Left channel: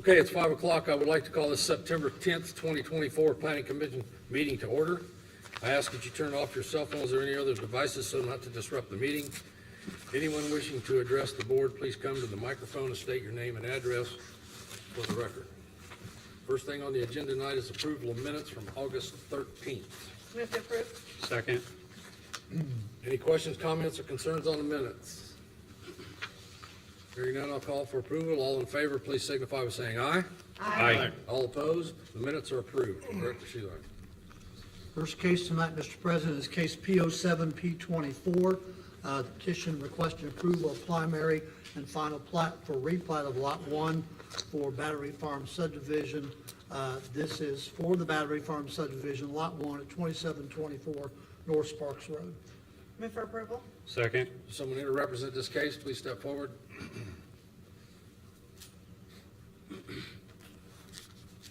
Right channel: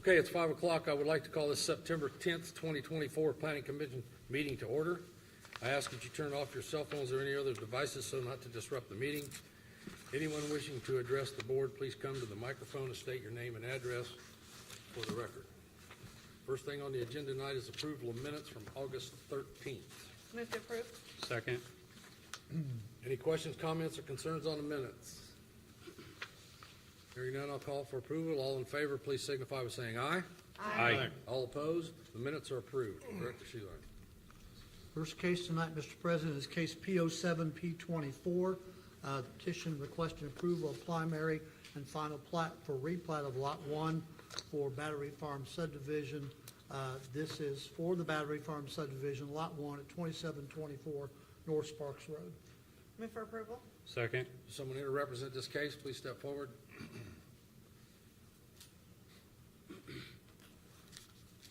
Okay, it's 5 o'clock. I would like to call this September 10th, 2024 Planning Commission meeting to order. I ask that you turn off your cell phones or any other devices so not to disrupt the meeting. Anyone wishing to address the board, please come to the microphone and state your name and address for the record. First thing on the agenda tonight is approval of minutes from August 13th. Move to approve. Second. Any questions, comments, or concerns on the minutes? Hearing none, I'll call for approval. All in favor, please signify by saying aye. Aye. All opposed? The minutes are approved. Director Sheila. First case tonight, Mr. President, is case P07 P24. Petition requesting approval of primary and final plat for replat of Lot 1 for Battery Farm subdivision. This is for the Battery Farm subdivision, Lot 1 at 2724 North Sparks Road. Move for approval. Second. Someone here to represent this case, please step forward.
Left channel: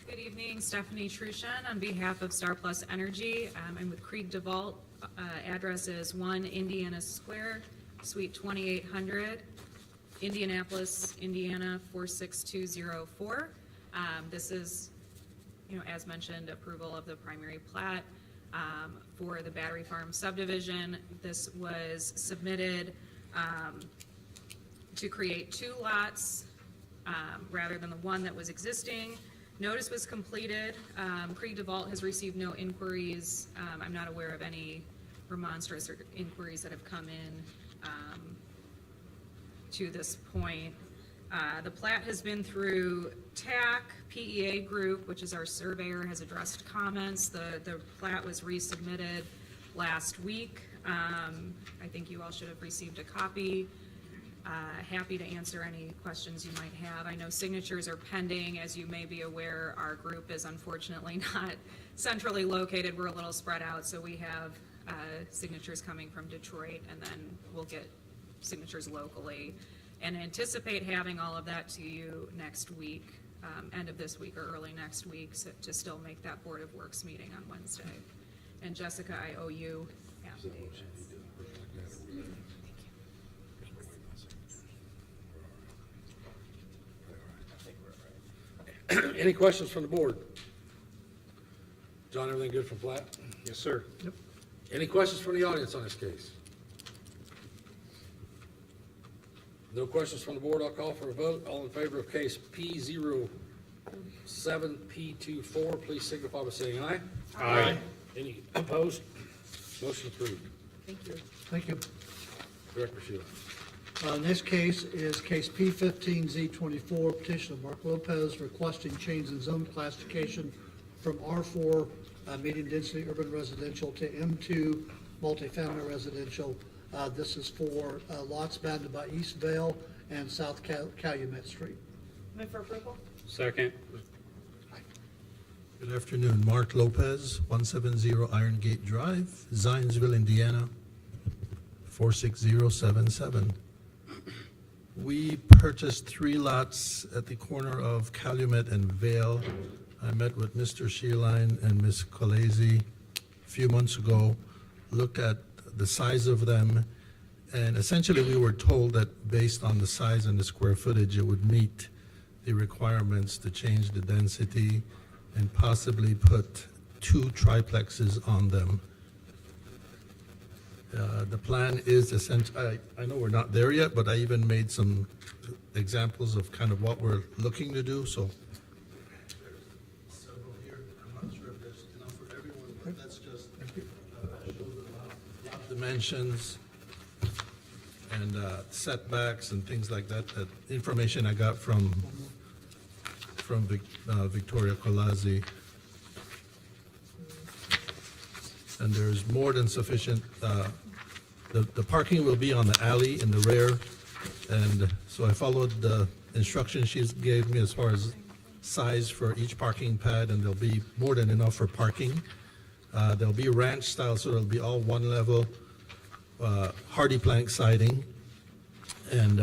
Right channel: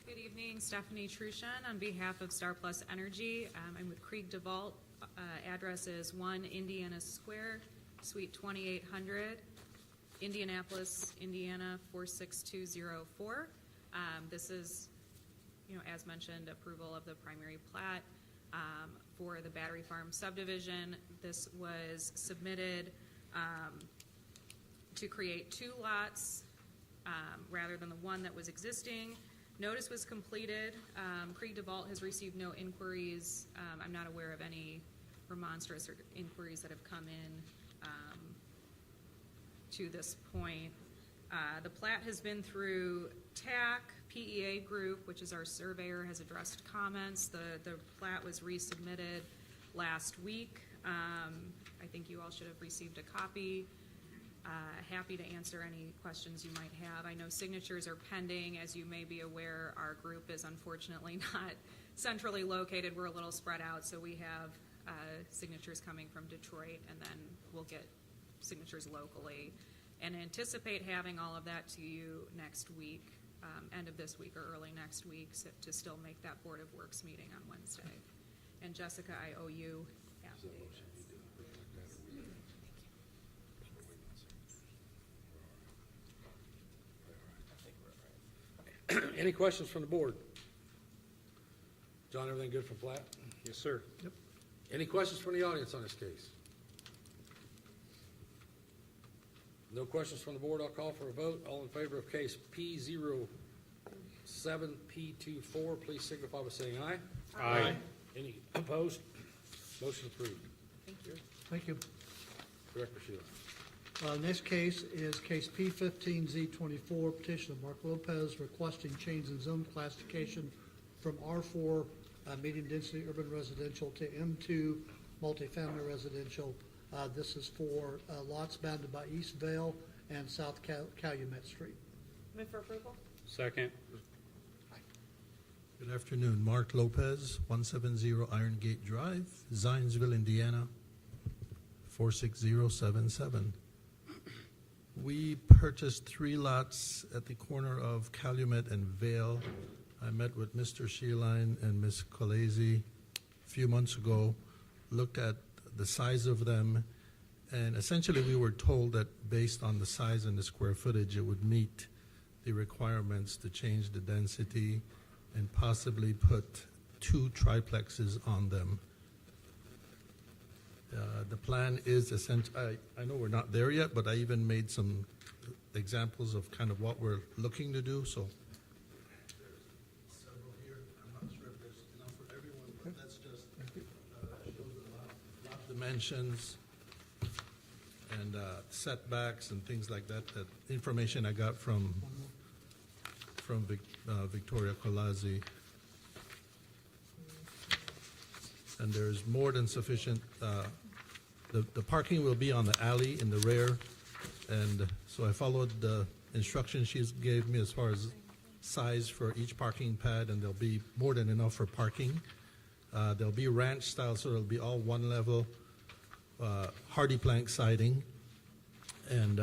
Good evening, Stephanie Trushan on behalf of Star Plus Energy. I'm with Krieg DeVault. Address is 1 Indiana Square, Suite 2800, Indianapolis, Indiana 46204. This is, as mentioned, approval of the primary plat for the Battery Farm subdivision. This was submitted to create 2 lots rather than the one that was existing. Notice was completed. Krieg DeVault has received no inquiries. I'm not aware of any remonstrance or inquiries that have come in to this point. The plat has been through TAC, PEA Group, which is our surveyor, has addressed comments. The plat was resubmitted last week. I think you all should have received a copy. Happy to answer any questions you might have. I know signatures are pending. As you may be aware, our group is unfortunately not centrally located. We're a little spread out, so we have signatures coming from Detroit, and then we'll get signatures locally. And anticipate having all of that to you next week, end of this week or early next week, so to still make that Board of Works meeting on Wednesday. And Jessica, I owe you affidavits. Any questions from the board? John, everything good from plat? Yes, sir. Any questions from the audience on this case? No questions from the board, I'll call for a vote. All in favor of case P07 P24, please signify by saying aye. Aye. Any opposed? Motion approved. Thank you. Thank you. Director Sheila. This case is case P15Z24, petition of Mark Lopez requesting change in zone classification from R4 medium density urban residential to M2 multifamily residential. This is for lots bounded by East Vale and South Calumet Street. Move for approval. Second. Good afternoon, Mark Lopez, 170 Iron Gate Drive, Zionsville, Indiana, 46077. We purchased 3 lots at the corner of Calumet and Vale. I met with Mr. Sheeline and Ms. Colese a few months ago, looked at the size of them, and essentially we were told that based on the size and the square footage, it would meet the requirements to change the density and possibly put 2 triplexes on them. The plan is essentially, I know we're not there yet, but I even made some examples of kind of what we're looking to do, so. Several here, I'm not sure if there's enough for everyone, but that's just show the lot dimensions and setbacks and things like that, that information I got from Victoria Colazzi. And there's more than sufficient, the parking will be on the alley in the rear, and so I followed the instructions she gave me as far as size for each parking pad, and there'll be more than enough for parking. There'll be ranch style, so it'll be all one level, hardy plank siding, and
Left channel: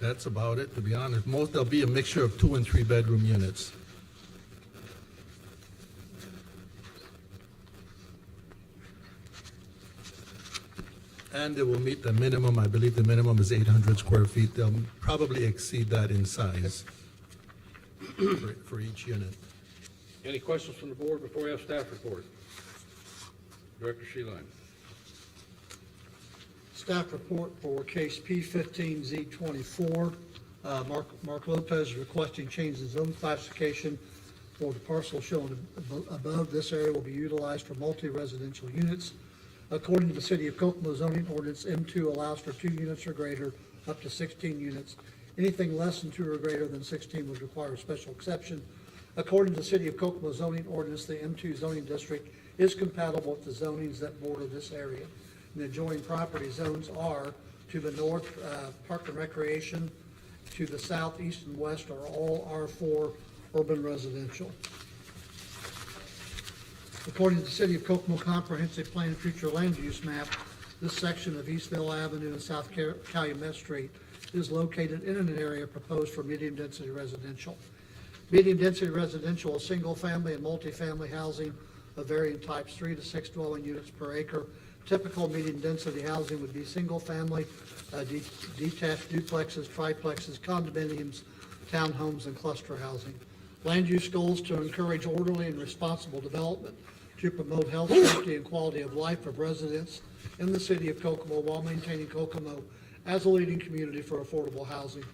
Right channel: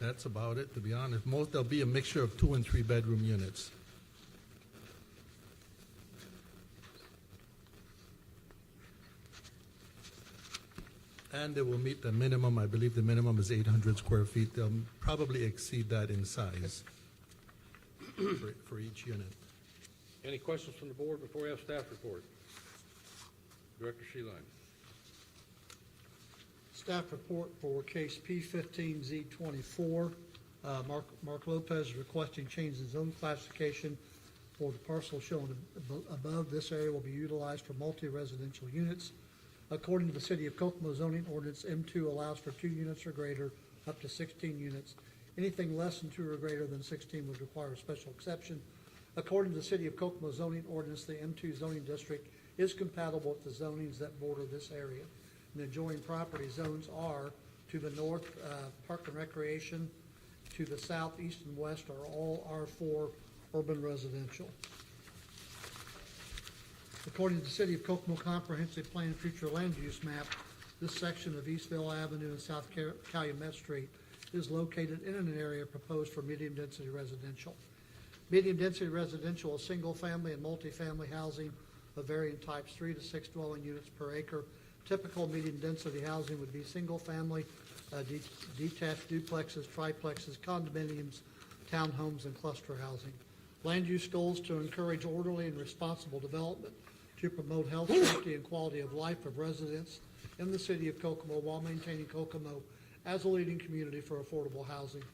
that's about it, to be honest. There'll be a mixture of 2 and 3 bedroom units. And it will meet the minimum, I believe the minimum is 800 square feet. They'll probably exceed that in size. for each unit. Any questions from the board before we have staff report? Director Sheeline. Staff report for case P15Z24. Mark Lopez is requesting change in zone classification for the parcel shown above. This area will be utilized for multi-residential units. According to the City of Kokomo zoning ordinance, M2 allows for 2 units or greater, up to 16 units. Anything less than 2 or greater than 16 would require a special exception. According to the City of Kokomo zoning ordinance, the M2 zoning district is compatible with the zonings that border this area. And the adjoining property zones are to the north, Park and Recreation, to the south, east, and west are all R4 urban residential. According to the City of Kokomo Comprehensive Plan and Future Land Use Map, this section of Eastville Avenue and South Calumet Street is located in an area proposed for medium-density residential. Medium-density residential is single-family and multifamily housing of varying types, 3 to 6 dwelling units per acre. Typical medium-density housing would be single-family, detached duplexes, triplexes, condominiums, townhomes, and cluster housing. Land use goals to encourage orderly and responsible development, to promote health, safety, and quality of life of residents in the City of Kokomo while maintaining Kokomo as a leading community for affordable housing.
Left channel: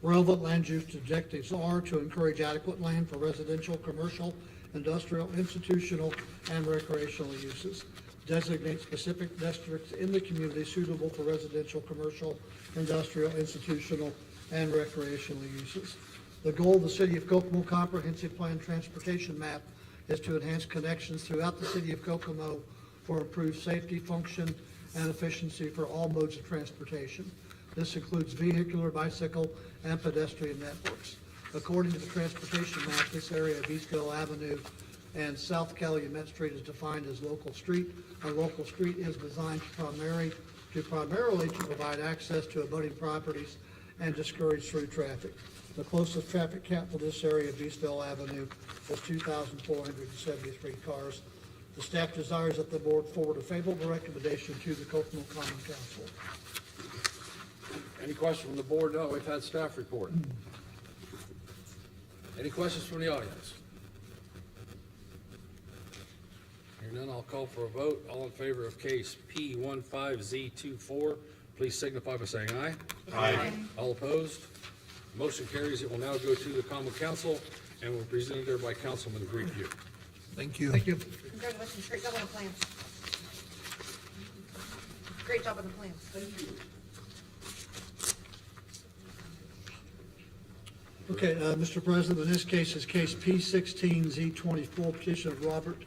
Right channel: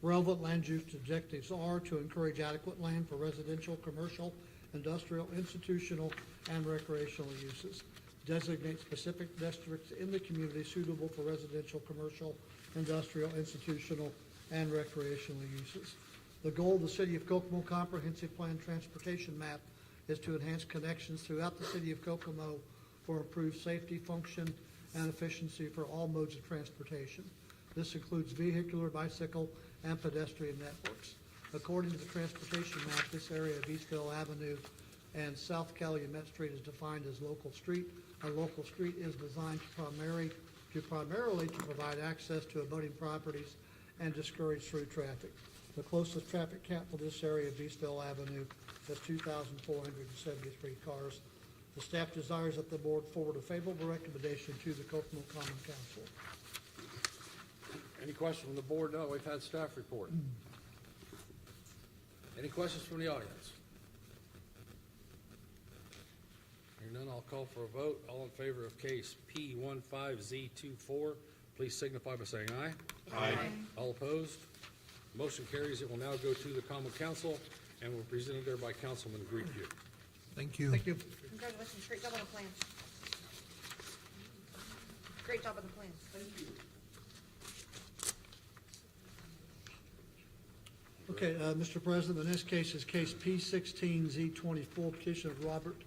Relevant land use objectives are to encourage adequate land for residential, commercial, industrial, institutional, and recreational uses. Designate specific districts in the community suitable for residential, commercial, industrial, institutional, and recreational uses. The goal of the City of Kokomo Comprehensive Plan Transportation Map is to enhance connections throughout the City of Kokomo for improved safety, function, and efficiency for all modes of transportation. This includes vehicular, bicycle, and pedestrian networks. According to the transportation map, this area of Eastville Avenue and South Calumet Street is defined as local street. A local street is designed primarily to provide access to abutting properties and discourage through traffic. The closest traffic count for this area of Eastville Avenue is 2,473 cars. The staff desires that the board forward a favorable recommendation to the Kokomo Common Council. Any questions from the board? No, we've had staff report. Any questions from the audience? Hearing none, I'll call for a vote. All in favor of case P15Z24, please signify by saying aye. Aye. All opposed? Motion carries. It will now go to the Common Council and will be presented there by Councilman Greenview. Thank you. Thank you. Congratulations, great job on the plans. Great job on the plans. Thank you. Okay, Mr. President, in this case is case P16Z24, petition of Robert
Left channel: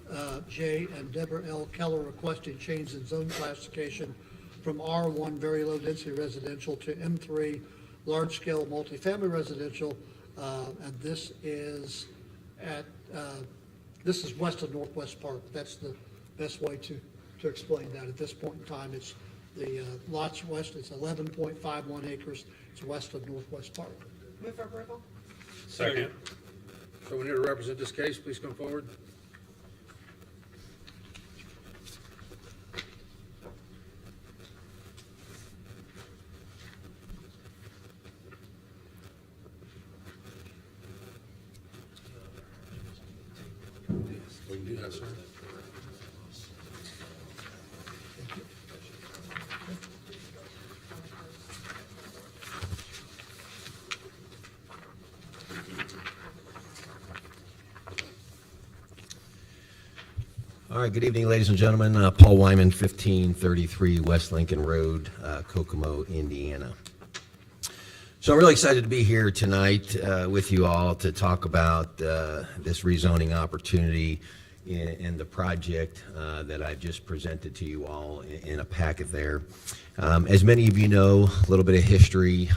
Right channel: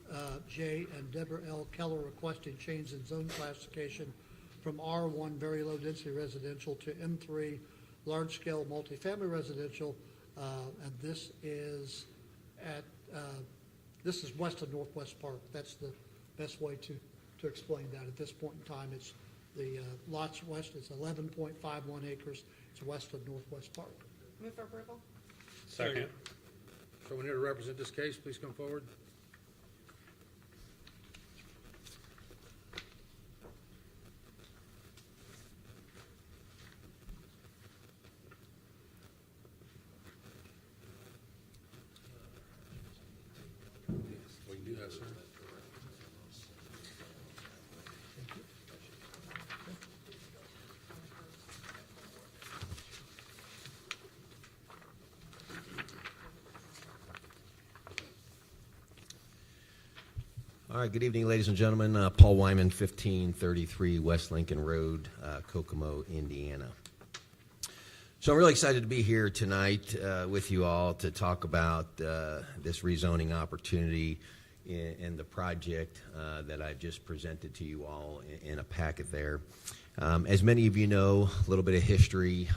J. and Deborah L. Keller requesting change in zone classification from R1 very low density residential to M3 large scale multifamily residential, and this is west of Northwest Park. That's the best way to explain that at this point in time. It's the lots west, it's 11.51 acres, it's west of Northwest Park. Move for approval? Second. Someone here to represent this case, please come forward. We can do that, sir. All right, good evening, ladies and gentlemen. Paul Wyman, 1533 West Lincoln Road, Kokomo, Indiana. So I'm really excited to be here tonight with you all to talk about this rezoning opportunity in the project that I just presented to you all in a packet there. As many of you know, a little bit of history,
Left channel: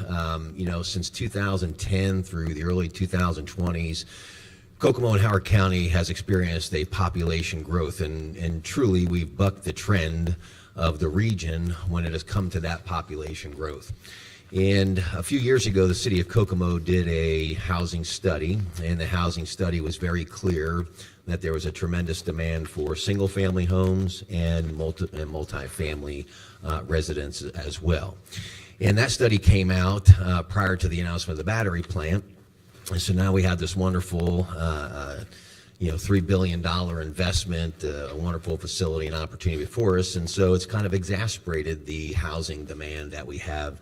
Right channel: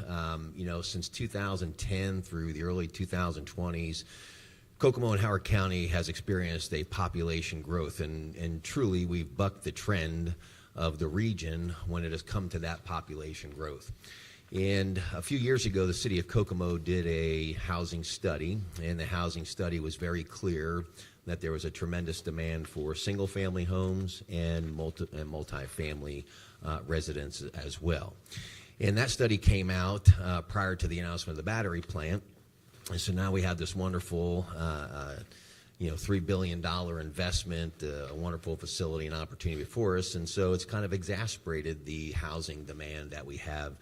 since 2010 through the early 2020s, Kokomo and Howard County has experienced a population growth, and truly we've bucked the trend of the region when it has come to that population growth. And a few years ago, the City of Kokomo did a housing study, and the housing study was very clear that there was a tremendous demand for single-family homes and multi-family residents as well. And that study came out prior to the announcement of the battery plant. And so now we have this wonderful, $3 billion investment, a wonderful facility and opportunity before us. And so it's kind of exacerbated the housing demand that we have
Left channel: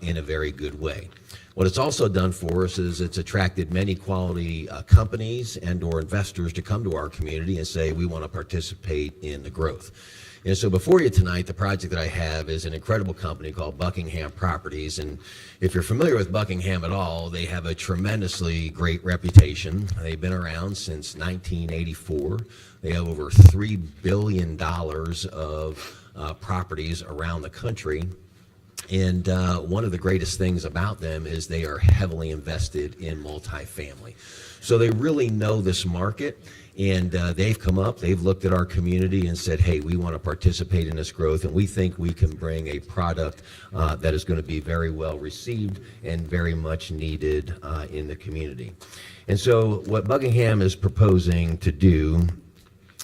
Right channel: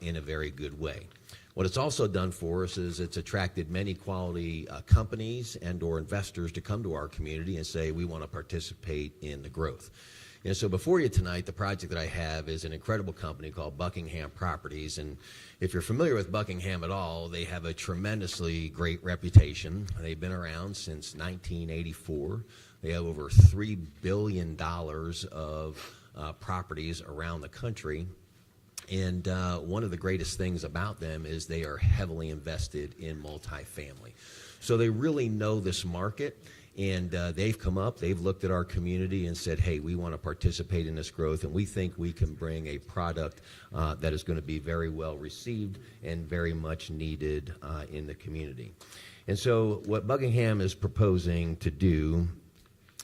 in a very good way. What it's also done for us is it's attracted many quality companies and or investors to come to our community and say, we want to participate in the growth. And so before you tonight, the project that I have is an incredible company called Buckingham Properties. And if you're familiar with Buckingham at all, they have a tremendously great reputation. They've been around since 1984. They have over $3 billion of properties around the country. And one of the greatest things about them is they are heavily invested in multifamily. So they really know this market. And they've come up, they've looked at our community and said, hey, we want to participate in this growth, and we think we can bring a product that is going to be very well received and very much needed in the community. And so what Buckingham is proposing to do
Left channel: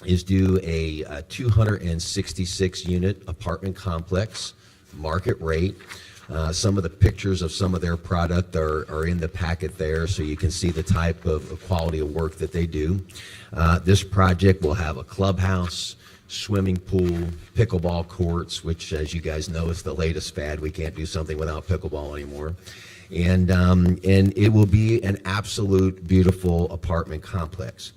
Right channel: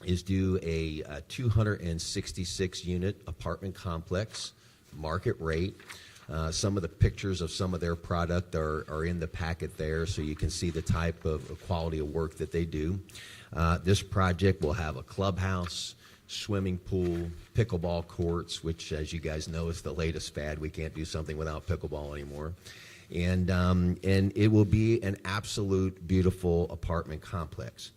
is do a 266-unit apartment complex, market rate. Some of the pictures of some of their product are in the packet there, so you can see the type of quality of work that they do. This project will have a clubhouse, swimming pool, pickleball courts, which, as you guys know, is the latest fad. We can't do something without pickleball anymore. And it will be an absolute beautiful apartment complex.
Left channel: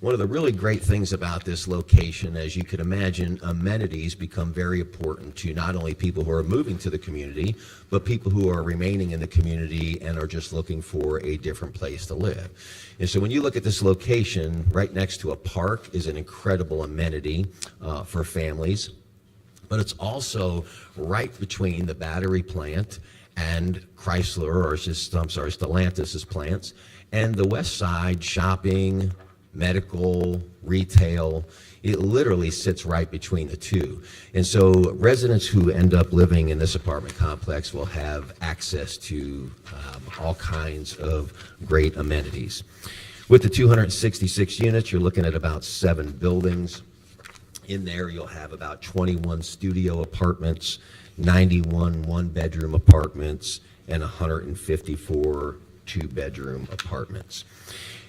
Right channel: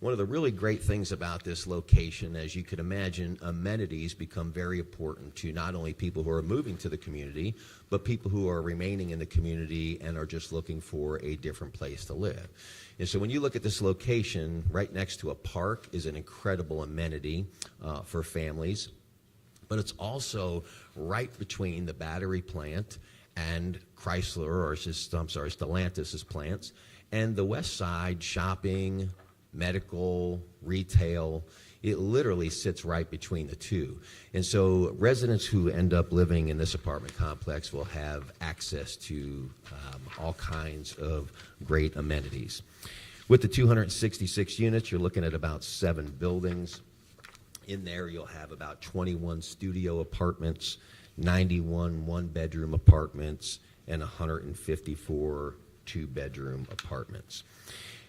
One of the really great things about this location, as you could imagine, amenities become very important to not only people who are moving to the community, but people who are remaining in the community and are just looking for a different place to live. And so when you look at this location, right next to a park is an incredible amenity for families, but it's also right between the battery plant and Stellantis' plants, and the West Side shopping, medical, retail. It literally sits right between the two. And so residents who end up living in this apartment complex will have access to all kinds of great amenities. With the 266 units, you're looking at about 7 buildings. In there, you'll have about 21 studio apartments, 91 one-bedroom apartments, and 154 two-bedroom apartments.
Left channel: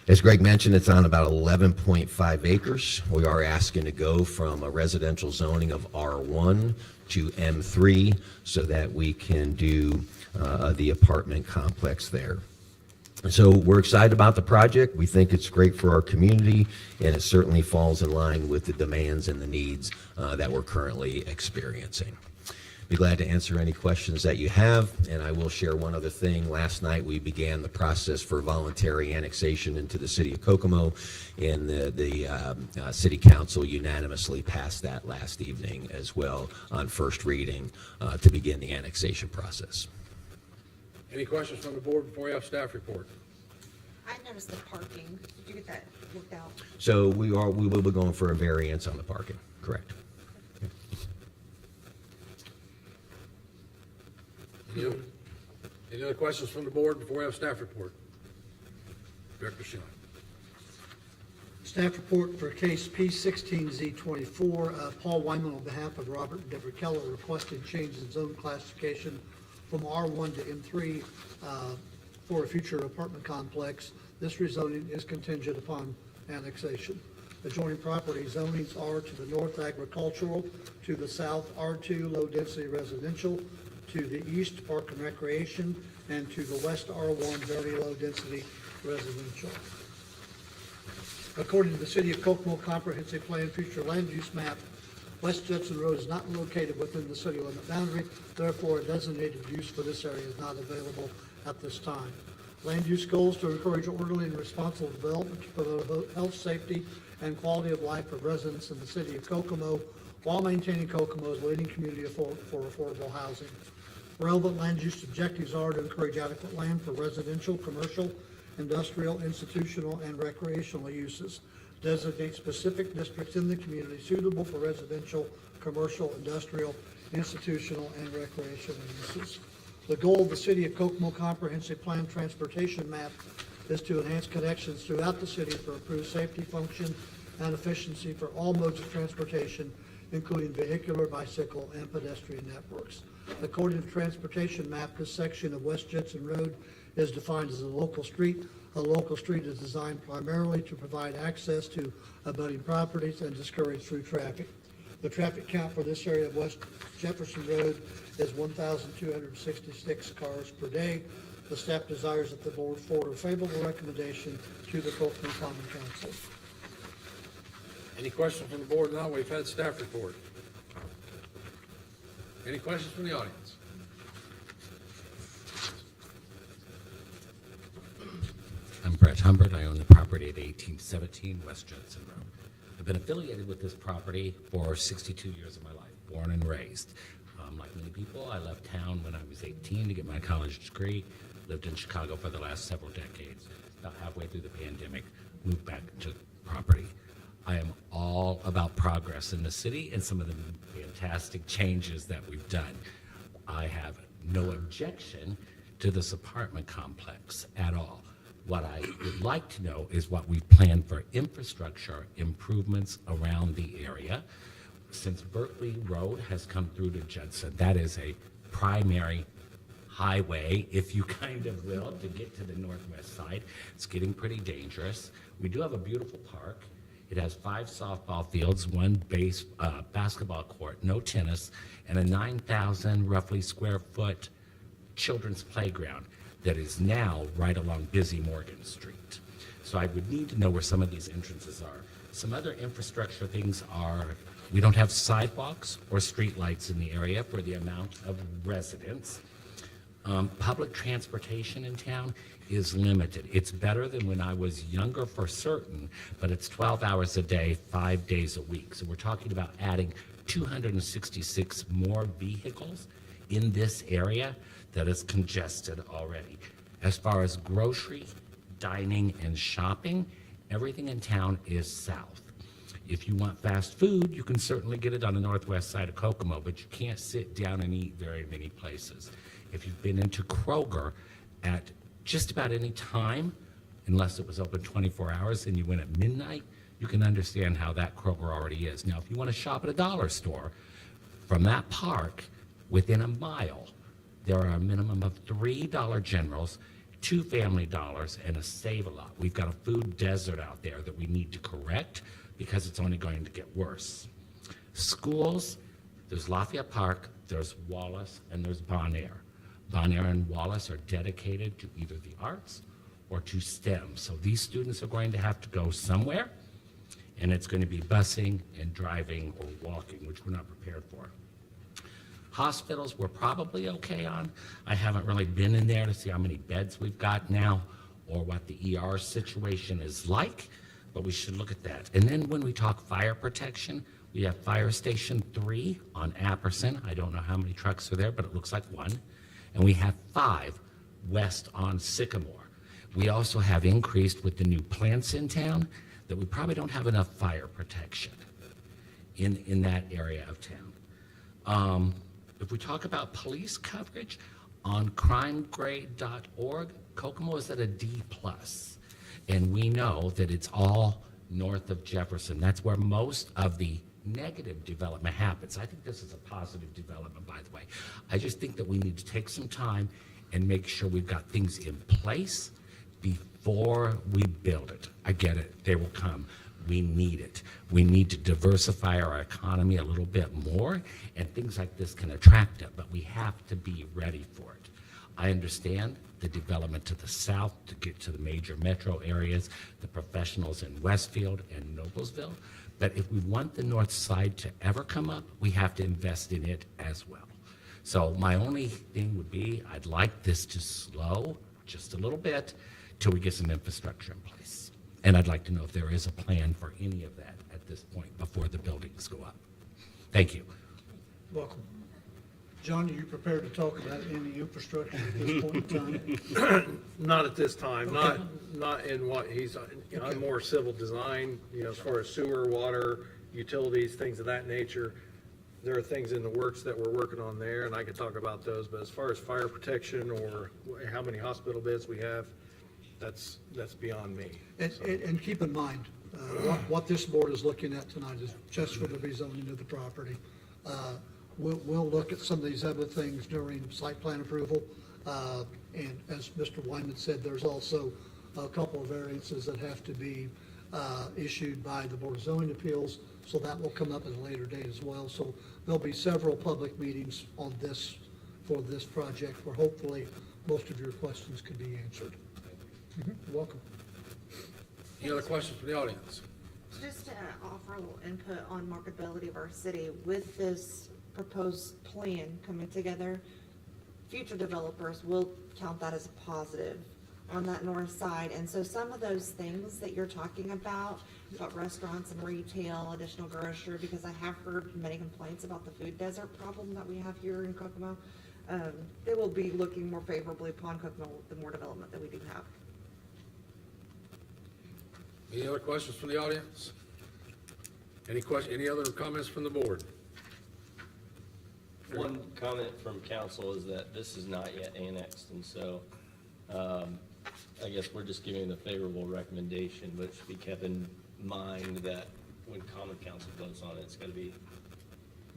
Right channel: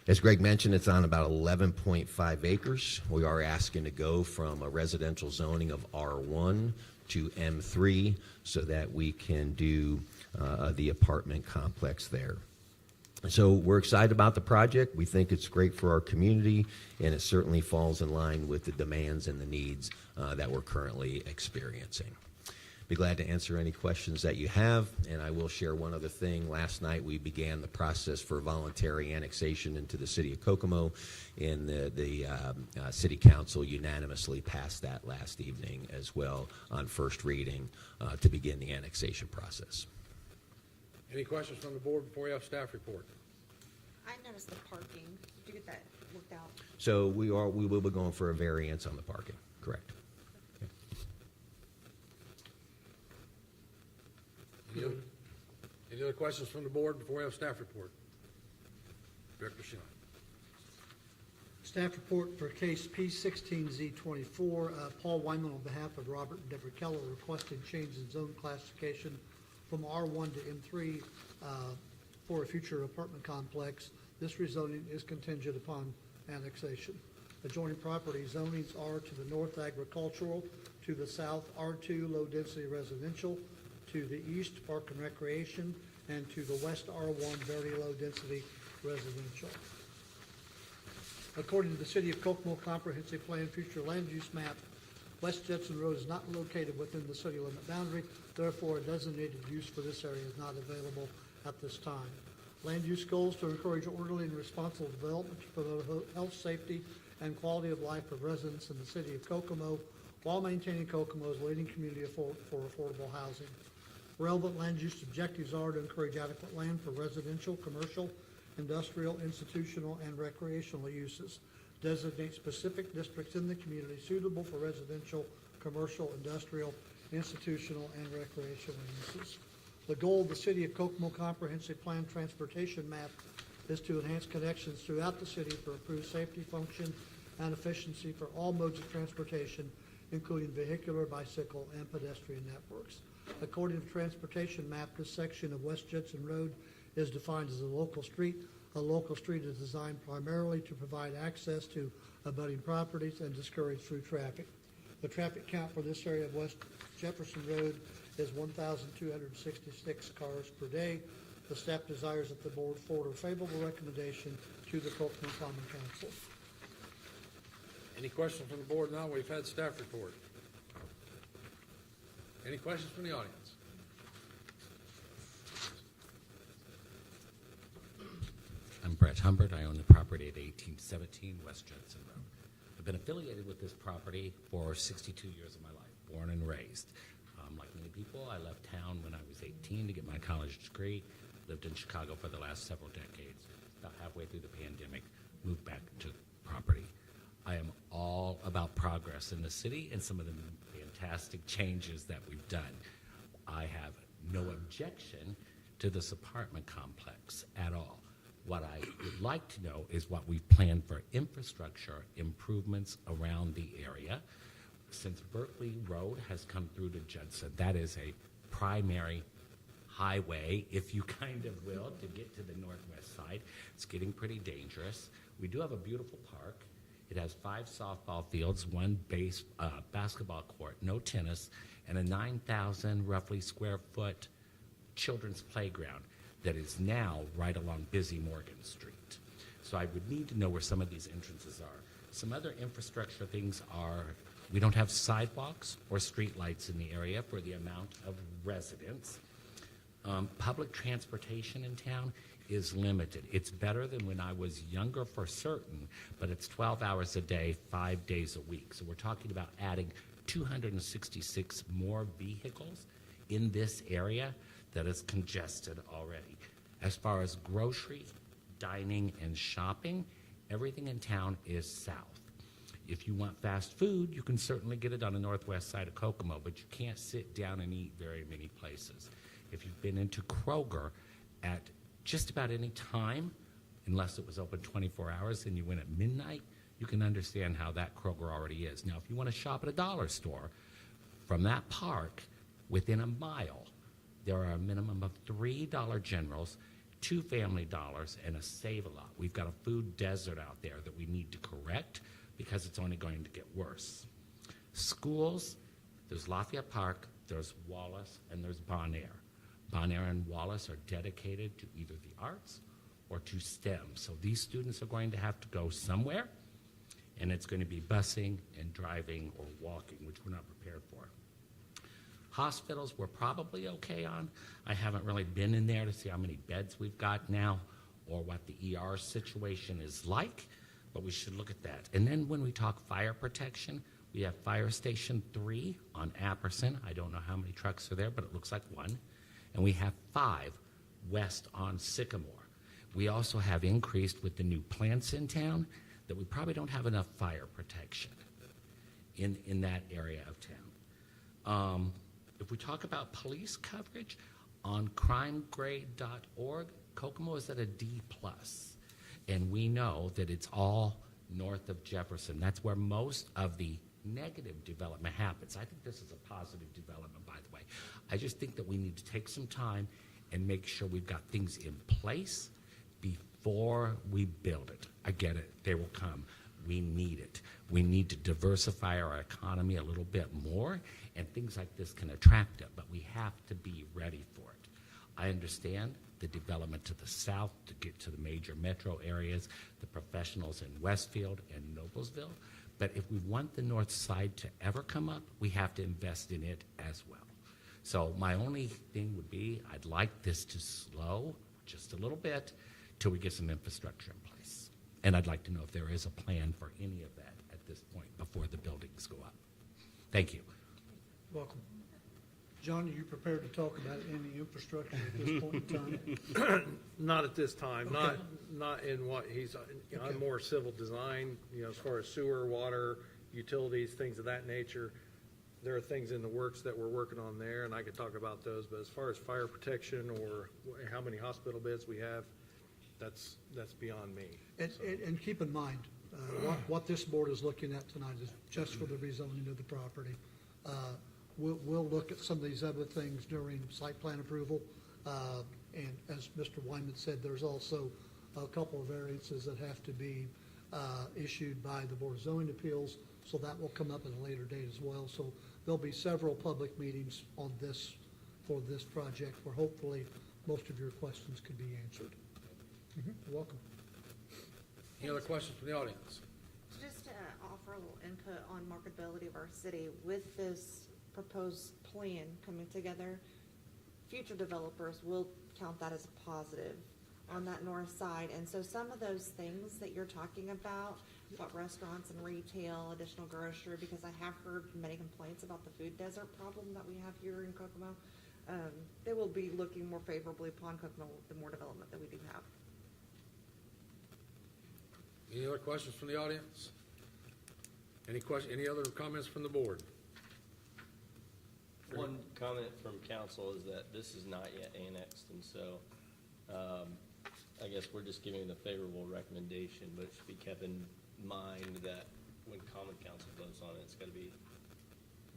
As Greg mentioned, it's on about 11.5 acres. We are asking to go from a residential zoning of R1 to M3 so that we can do the apartment complex there. So we're excited about the project. We think it's great for our community, and it certainly falls in line with the demands and the needs that we're currently experiencing. Be glad to answer any questions that you have, and I will share one other thing. Last night, we began the process for voluntary annexation into the city of Kokomo, and the city council unanimously passed that last evening as well on first reading to begin the annexation process. Any questions from the board before we have staff report? I noticed the parking. Did you get that worked out? So we will be going for a variance on the parking, correct? Any other questions from the board before we have staff report? Director Schein. Staff report for case P16Z24. Paul Wyman, on behalf of Robert and Deborah Keller, requested change in zone classification from R1 to M3 for a future apartment complex. This rezoning is contingent upon annexation. Adjoining property zonings are to the north agricultural, to the south R2 low-density residential, to the east park and recreation, and to the west R1 very low-density residential. According to the City of Kokomo Comprehensive Plan Future Land Use Map, West Judson Road is not located within the city limit boundary, therefore a designated use for this area is not available at this time. Land use goals to encourage orderly and responsible development to promote health, safety, and quality of life of residents in the city of Kokomo while maintaining Kokomo's leading community for affordable housing. Relevant land use objectives are to encourage adequate land for residential, commercial, industrial, institutional, and recreational uses. Designate specific districts in the community suitable for residential, commercial, industrial, institutional, and recreational uses. The goal of the City of Kokomo Comprehensive Plan Transportation Map is to enhance connections throughout the city for improved safety, function, and efficiency for all modes of transportation, including vehicular, bicycle, and pedestrian networks. According to the transportation map, this section of West Judson Road is defined as a local street A local street is designed primarily to provide access to abutting properties and discourage through traffic. The traffic count for this area of West Jefferson Road is 1,266 cars per day. The staff desires that the board forward a favorable recommendation to the Kokomo Common Council. Any questions from the board? Now, we've had staff report. Any questions from the audience? I'm Brett Humbert. I own the property at 1817 West Judson Road. I've been affiliated with this property for 62 years of my life, born and raised. Like many people, I left town when I was 18 to get my college degree, lived in Chicago for the last several decades. About halfway through the pandemic, moved back to property. I am all about progress in the city and some of the fantastic changes that we've done. I have no objection to this apartment complex at all. What I would like to know is what we've planned for infrastructure improvements around the area. Since Berkeley Road has come through to Judson, that is a primary highway, if you kind of will, to get to the northwest side. It's getting pretty dangerous. We do have a beautiful park. It has 5 softball fields, 1 basketball court, no tennis, and a 9,000 roughly square foot children's playground that is now right along Busy Morgan Street. So I would need to know where some of these entrances are. Some other infrastructure things are, we don't have sidewalks or streetlights in the area for the amount of residents. Public transportation in town is limited. It's better than when I was younger for certain, but it's 12 hours a day, 5 days a week. So we're talking about adding 266 more vehicles in this area that is congested already. As far as grocery, dining, and shopping, everything in town is south. If you want fast food, you can certainly get it on the northwest side of Kokomo, but you can't sit down and eat very many places. If you've been into Kroger at just about any time, unless it was open 24 hours and you went at midnight, you can understand how that Kroger already is. Now, if you want to shop at a dollar store, from that park, within a mile, there are a minimum of 3 Dollar Generals, 2 Family Dollars, and a Save-A-Lot. We've got a food desert out there that we need to correct because it's only going to get worse. Schools, there's Lafayette Park, there's Wallace, and there's Bon Air. Bon Air and Wallace are dedicated to either the arts or to STEM. So these students are going to have to go somewhere, and it's going to be busing and driving or walking, which we're not prepared for. Hospitals, we're probably okay on. I haven't really been in there to see how many beds we've got now or what the ER situation is like, but we should look at that. And then when we talk fire protection, we have Fire Station 3 on Apperson. I don't know how many trucks are there, but it looks like 1. And we have 5 west on Sycamore. We also have increased with the new plants in town that we probably don't have enough fire protection in that area of town. If we talk about police coverage, on crimegrade.org, Kokomo is at a D+. And we know that it's all north of Jefferson. That's where most of the negative development happens. I think this is a positive development, by the way. I just think that we need to take some time and make sure we've got things in place before we build it. I get it, they will come. We need it. We need to diversify our economy a little bit more, and things like this can attract it, but we have to be ready for it. I understand the development to the south to get to the major metro areas, the professionals in Westfield and Noblesville, but if we want the north side to ever come up, we have to invest in it as well. So my only thing would be, I'd like this to slow just a little bit till we get some infrastructure in place. And I'd like to know if there is a plan for any of that at this point before the buildings go up. Thank you. Welcome. John, are you prepared to talk about any infrastructure at this point in time? Not at this time, Okay. not in what he's, I'm more civil design, as far as sewer, water, utilities, things of that nature. There are things in the works that we're working on there, and I could talk about those, but as far as fire protection or how many hospital beds we have, that's beyond me. And keep in mind, what this board is looking at tonight is just for the rezoning of the property. We'll look at some of these other things during site plan approval. And as Mr. Wyman said, there's also a couple of variances that have to be issued by the Board of Zoning Appeals, so that will come up at a later date as well. So there'll be several public meetings on this, for this project, where hopefully most of your questions could be answered. You're welcome. Any other questions from the audience? Just to offer a little input on marketability of our city, with this proposed plan coming together, future developers will count that as a positive on that north side. And so some of those things that you're talking about restaurants and retail, additional grocery, because I have heard many complaints about the food desert problem that we have here in Kokomo, they will be looking more favorably upon Kokomo the more development that we do have. Any other questions from the audience? Any other comments from the board? One comment from council is that this is not yet annexed, and so, I guess we're just giving the favorable recommendation, but it should be kept in mind that when common council votes on it, it's gotta be,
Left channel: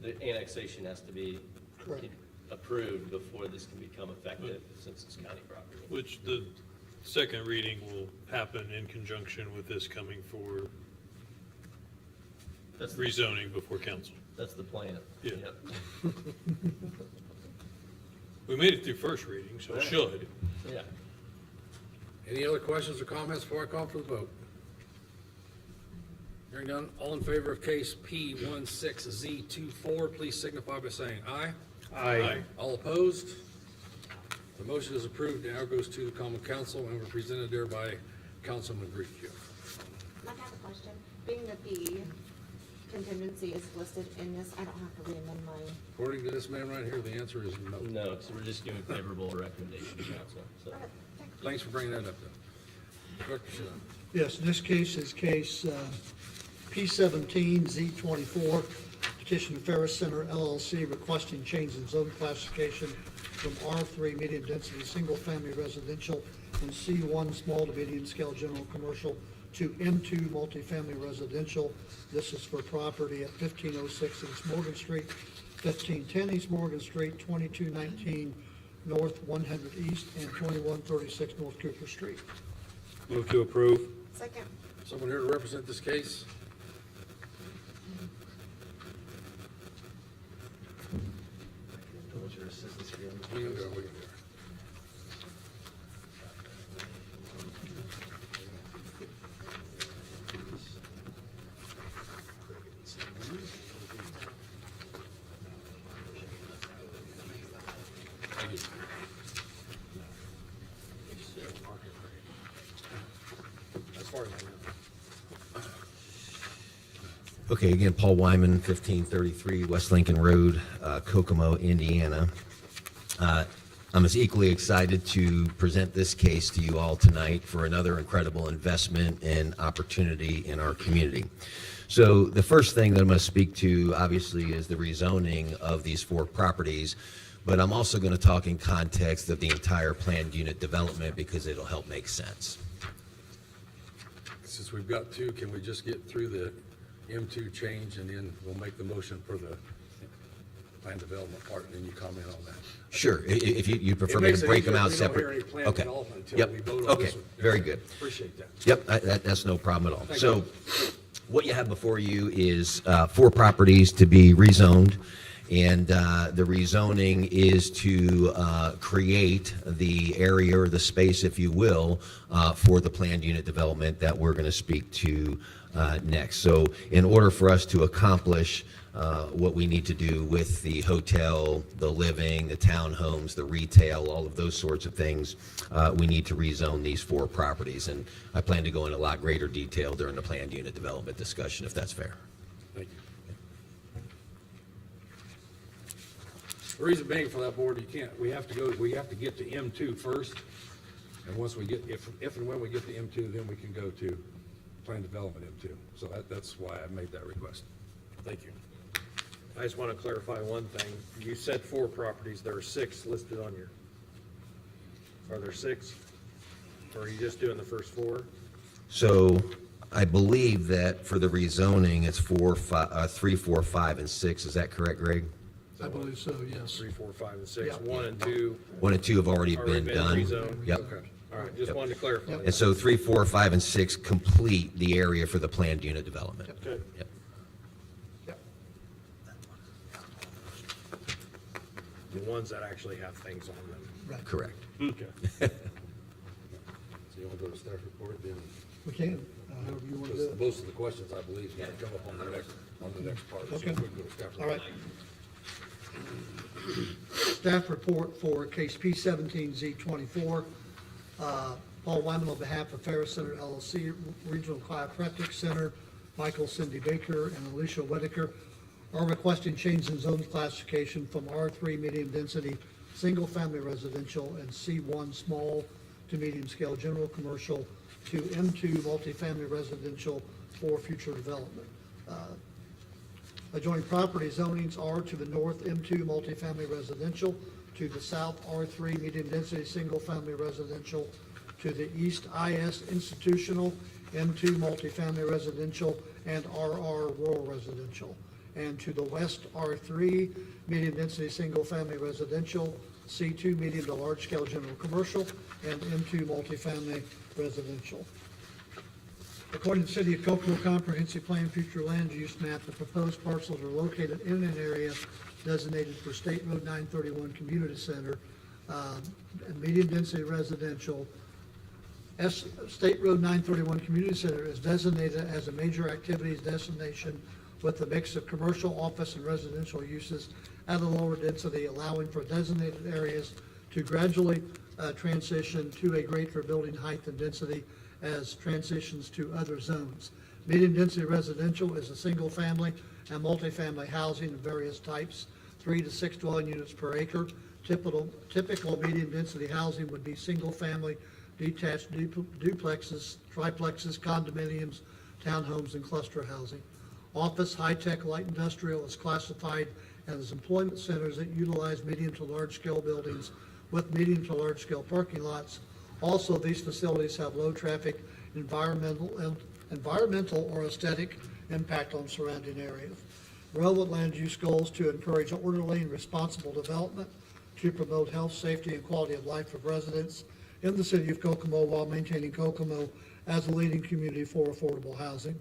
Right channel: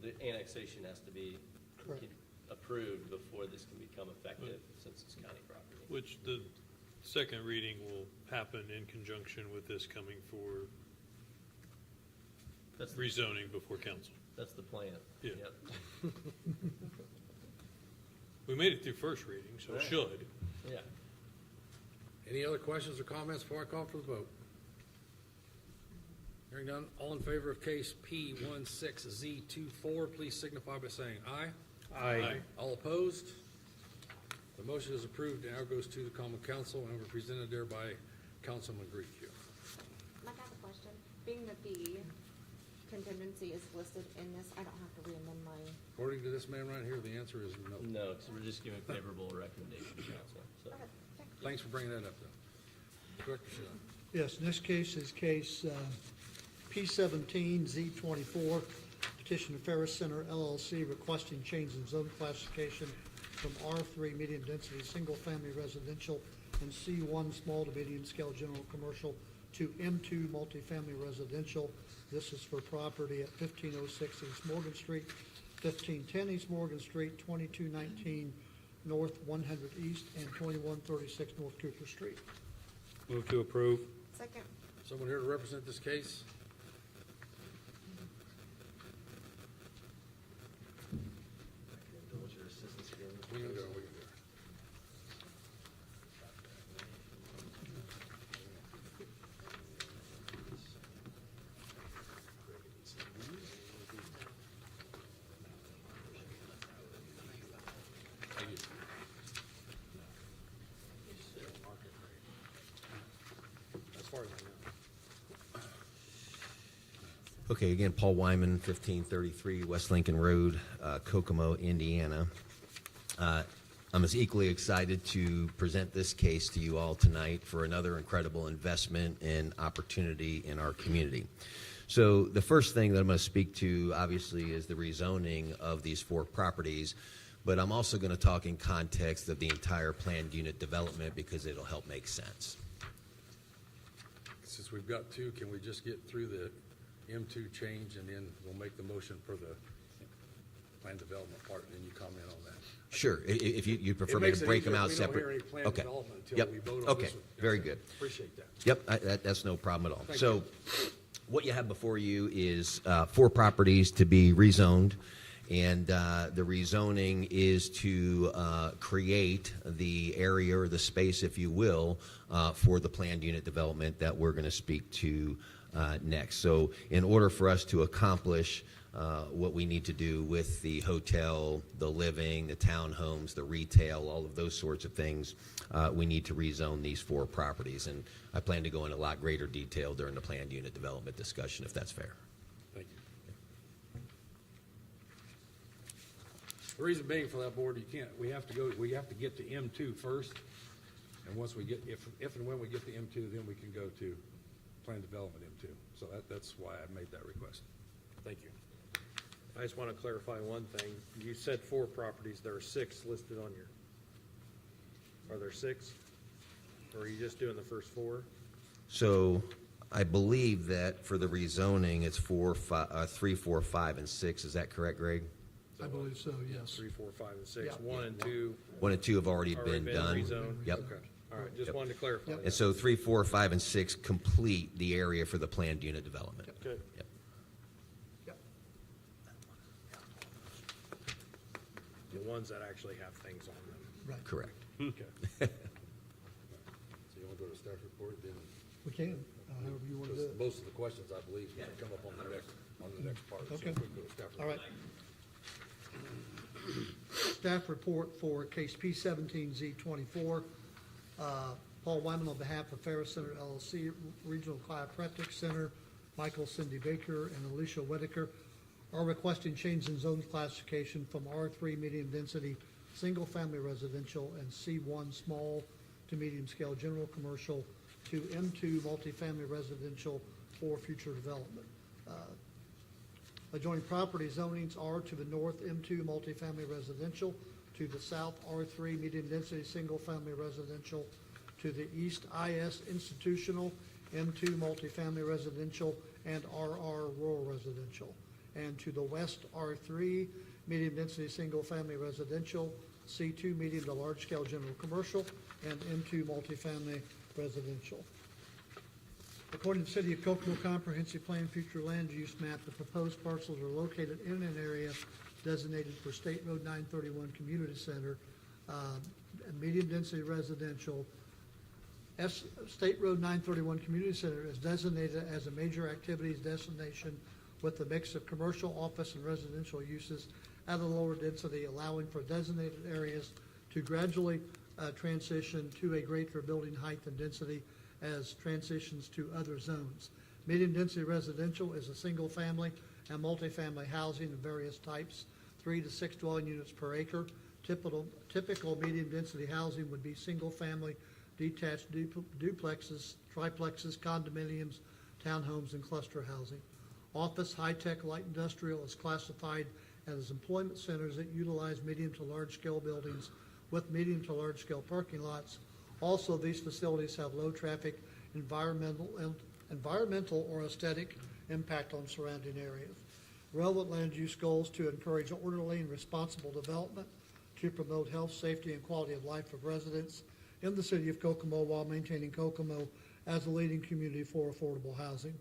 the annexation has to be Correct. approved before this can become effective, since it's county property. Which the second reading will happen in conjunction with this coming for That's, rezoning before council. that's the plan. Yeah. Yep. We made it through first reading, so it should. Yeah. Any other questions or comments before I call for the vote? Hearing none, all in favor of case P16Z24, please signify by saying aye. Aye. All opposed? The motion is approved, now goes to the common council, and we're presented there by Councilman Griffield. I have a question. Being that the contingency is listed in this, I don't have to reamend my, According to this man right here, the answer is no. No, so we're just giving favorable recommendation to council, so. okay, thank you. Thanks for bringing that up, then. Director Shum. Yes, this case is case P17Z24, petition of Ferris Center LLC requesting change in zone classification from R3 medium density single-family residential and C1 small to medium scale general commercial to M2 multifamily residential. This is for property at 1506 East Morgan Street, 1510 East Morgan Street, 2219 North 100 East, and 2136 North Cooper Street. Move to approve. Second. Someone here to represent this case? We can go. As far as I know. Okay, again, Paul Wyman, 1533 West Lincoln Road, Kokomo, Indiana. I'm as equally excited to present this case to you all tonight for another incredible investment and opportunity in our community. So the first thing that I'm going to speak to, obviously, is the rezoning of these 4 properties, but I'm also going to talk in context of the entire planned unit development because it'll help make sense. Since we've got 2, can we just get through the M2 change and then we'll make the motion for the plan development part and then you comment on that? Sure, if you prefer It me makes to it break them easier out if we don't hear separate. any plan Okay. development until Yep. we vote on Okay. this one. Very good. Appreciate that. Yep, that's no problem at all. Thank So you. what you have before you is 4 properties to be rezoned. And the rezoning is to create the area or the space, if you will, for the planned unit development that we're going to speak to next. So in order for us to accomplish what we need to do with the hotel, the living, the townhomes, the retail, all of those sorts of things, we need to rezone these 4 properties. And I plan to go in a lot greater detail during the planned unit development discussion, if that's fair. Thank you. The reason being for that board, we have to get to M2 first. And once we get, if and when we get to M2, then we can go to plan development M2. So that's why I made that request. Thank you. I just want to clarify one thing. You said 4 properties, there are 6 listed on your, are there 6? Or are you just doing the first 4? So I believe that for the rezoning, it's 3, 4, 5, and 6. Is that correct, Greg? I believe so, yes. 3, 4, 5, and 6. Yeah. 1 and 2 1 and 2 have already already been been done. rezoned? Yep. Okay, All right, just wanted to clarify. And so 3, 4, 5, and 6 complete the area for the planned unit development. Okay. Yep. Yep. The ones that actually have things on them. Right, Correct. Okay. So you want to go to staff report then? we can, however you want to do Because it. most of the questions, I believe, are going to come up on the next part. So Okay. if we can go to staff All right. report. Staff report for case P17Z24. Paul Wyman on behalf of Ferris Center LLC, Regional Chiropractic Center, Michael Cindy Baker and Alicia Whitaker are requesting change in zone classification from R3 medium density, single family residential and C1 small to medium scale general commercial to M2 multifamily residential for future development. Adjoining property zonings are to the north, M2 multifamily residential, to the south, R3 medium density, single family residential, to the east, IS institutional, M2 multifamily residential, and RR rural residential. And to the west, R3 medium density, single family residential, C2 medium to large scale general commercial, and M2 multifamily residential. According to the City of Kokomo Comprehensive Plan Future Land Use Map, the proposed parcels are located in an area designated for State Road 931 Community Center, medium density residential. State Road 931 Community Center is designated as a major activities destination with a mix of commercial, office, and residential uses at a lower density, allowing for designated areas to gradually transition to a greater building height and density as transitions to other zones. Medium density residential is a single family and multifamily housing of various types, 3 to 6 dwelling units per acre. Typical medium density housing would be single family, detached duplexes, triplexes, condominiums, townhomes, and cluster housing. Office, high-tech, light industrial is classified as employment centers that utilize medium to large-scale buildings with medium to large-scale parking lots. Also, these facilities have low traffic, environmental or aesthetic impact on surrounding areas. Relevant land use goals to encourage orderly and responsible development, to promote health, safety, and quality of life of residents in the city of Kokomo while maintaining Kokomo as a leading community for affordable housing.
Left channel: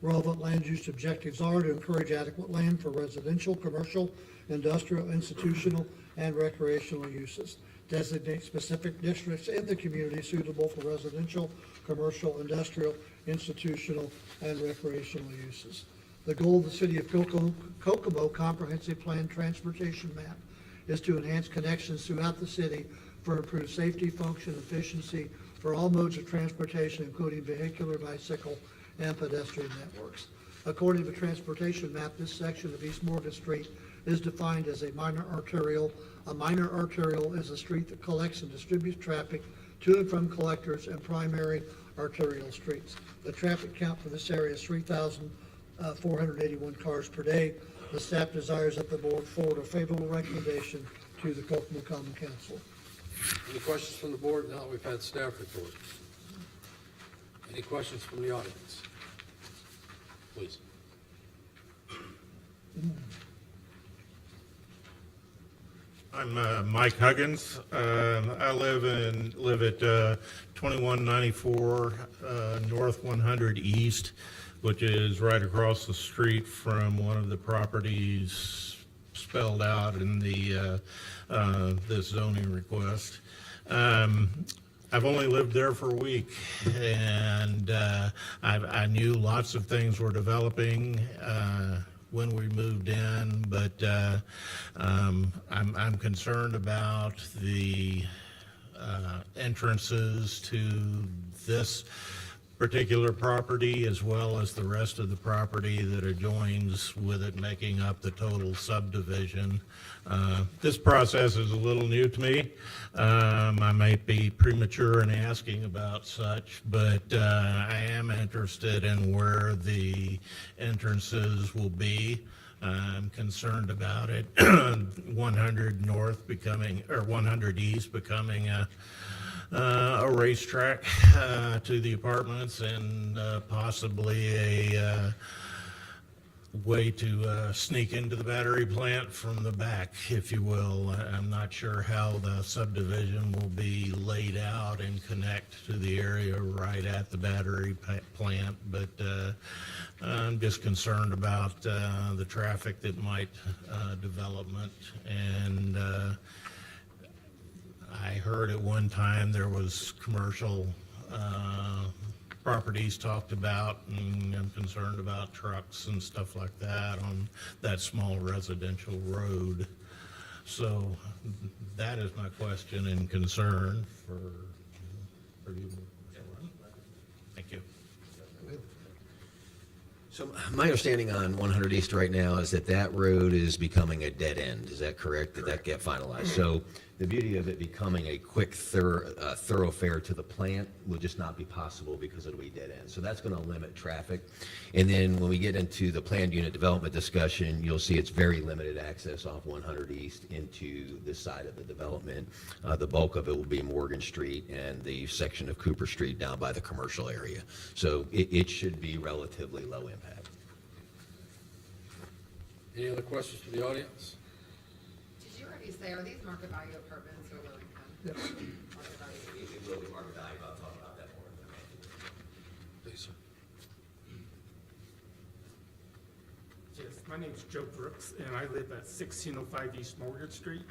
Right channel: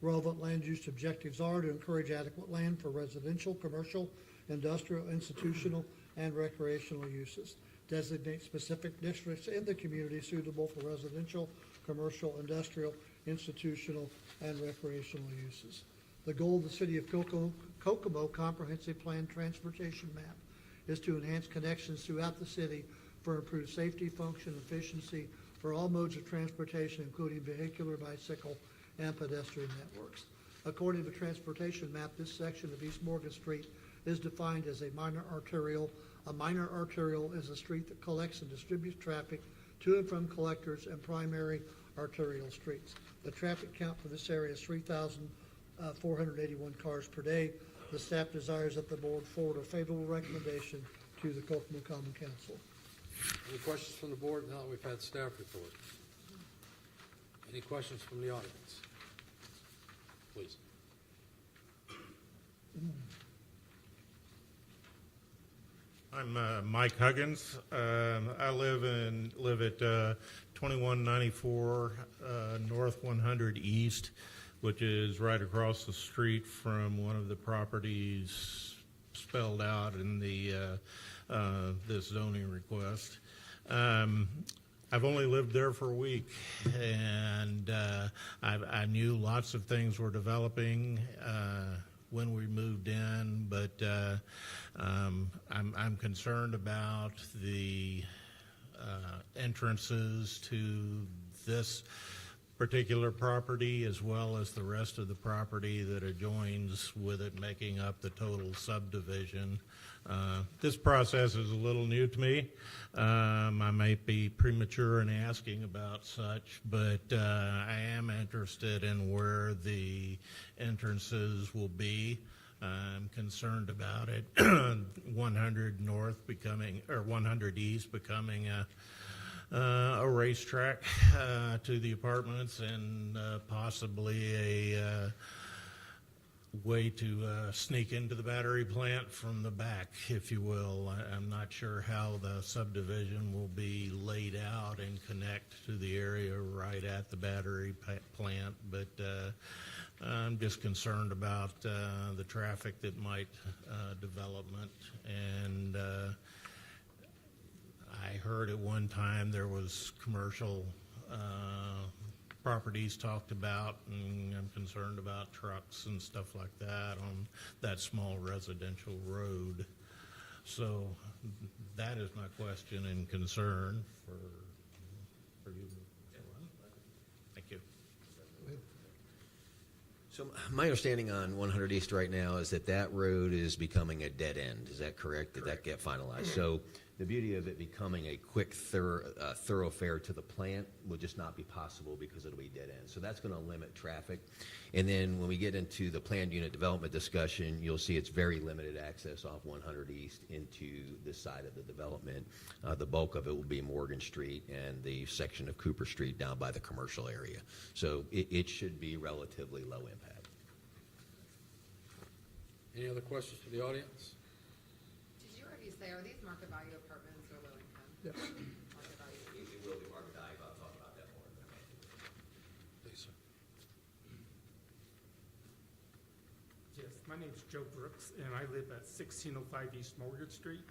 Relevant land use objectives are to encourage adequate land for residential, commercial, industrial, institutional, and recreational uses. Designate specific districts in the community suitable for residential, commercial, industrial, institutional, and recreational uses. The goal of the City of Kokomo Comprehensive Plan Transportation Map is to enhance connections throughout the city for improved safety, function, efficiency for all modes of transportation, including vehicular, bicycle, and pedestrian networks. According to the transportation map, this section of East Morgan Street is defined as a minor arterial. A minor arterial is a street that collects and distributes traffic to and from collectors and primary arterial streets. The traffic count for this area is 3,481 cars per day. The staff desires that the board forward a favorable recommendation to the Kokomo Common Council. Any questions from the board now that we've had staff report? Any questions from the audience? Please. I'm Mike Huggins. I live at 2194 North 100 East, which is right across the street from one of the properties spelled out in the this zoning request. I've only lived there for a week, and I knew lots of things were developing when we moved in, but I'm concerned about the entrances to this particular property as well as the rest of the property that adjoins with it, making up the total subdivision. This process is a little new to me. I might be premature in asking about such, but I am interested in where the entrances will be. I'm concerned about it. 100 North becoming, or 100 East becoming a racetrack to the apartments and possibly way to sneak into the battery plant from the back, if you will. I'm not sure how the subdivision will be laid out and connect to the area right at the battery plant, but I'm just concerned about the traffic that might development. And I heard at one time there was commercial properties talked about, and I'm concerned about trucks and stuff like that on that small residential road. So that is my question and concern for you. Thank you. So my understanding on 100 East right now is that that road is becoming a dead end. Is that correct? Did that get finalized? So the beauty of it becoming a quick thoroughfare to the plant will just not be possible because it'll be dead end. So that's going to limit traffic. And then when we get into the planned unit development discussion, you'll see it's very limited access off 100 East into this side of the development. The bulk of it will be Morgan Street and the section of Cooper Street down by the commercial area. So it should be relatively low impact. Any other questions from the audience? Did you already say, are these market value apartments or low income? Market value? It will be market value, I'll talk about that more. Please, sir. Yes, my name's Joe Brooks, and I live at 1605 East Morgan Street.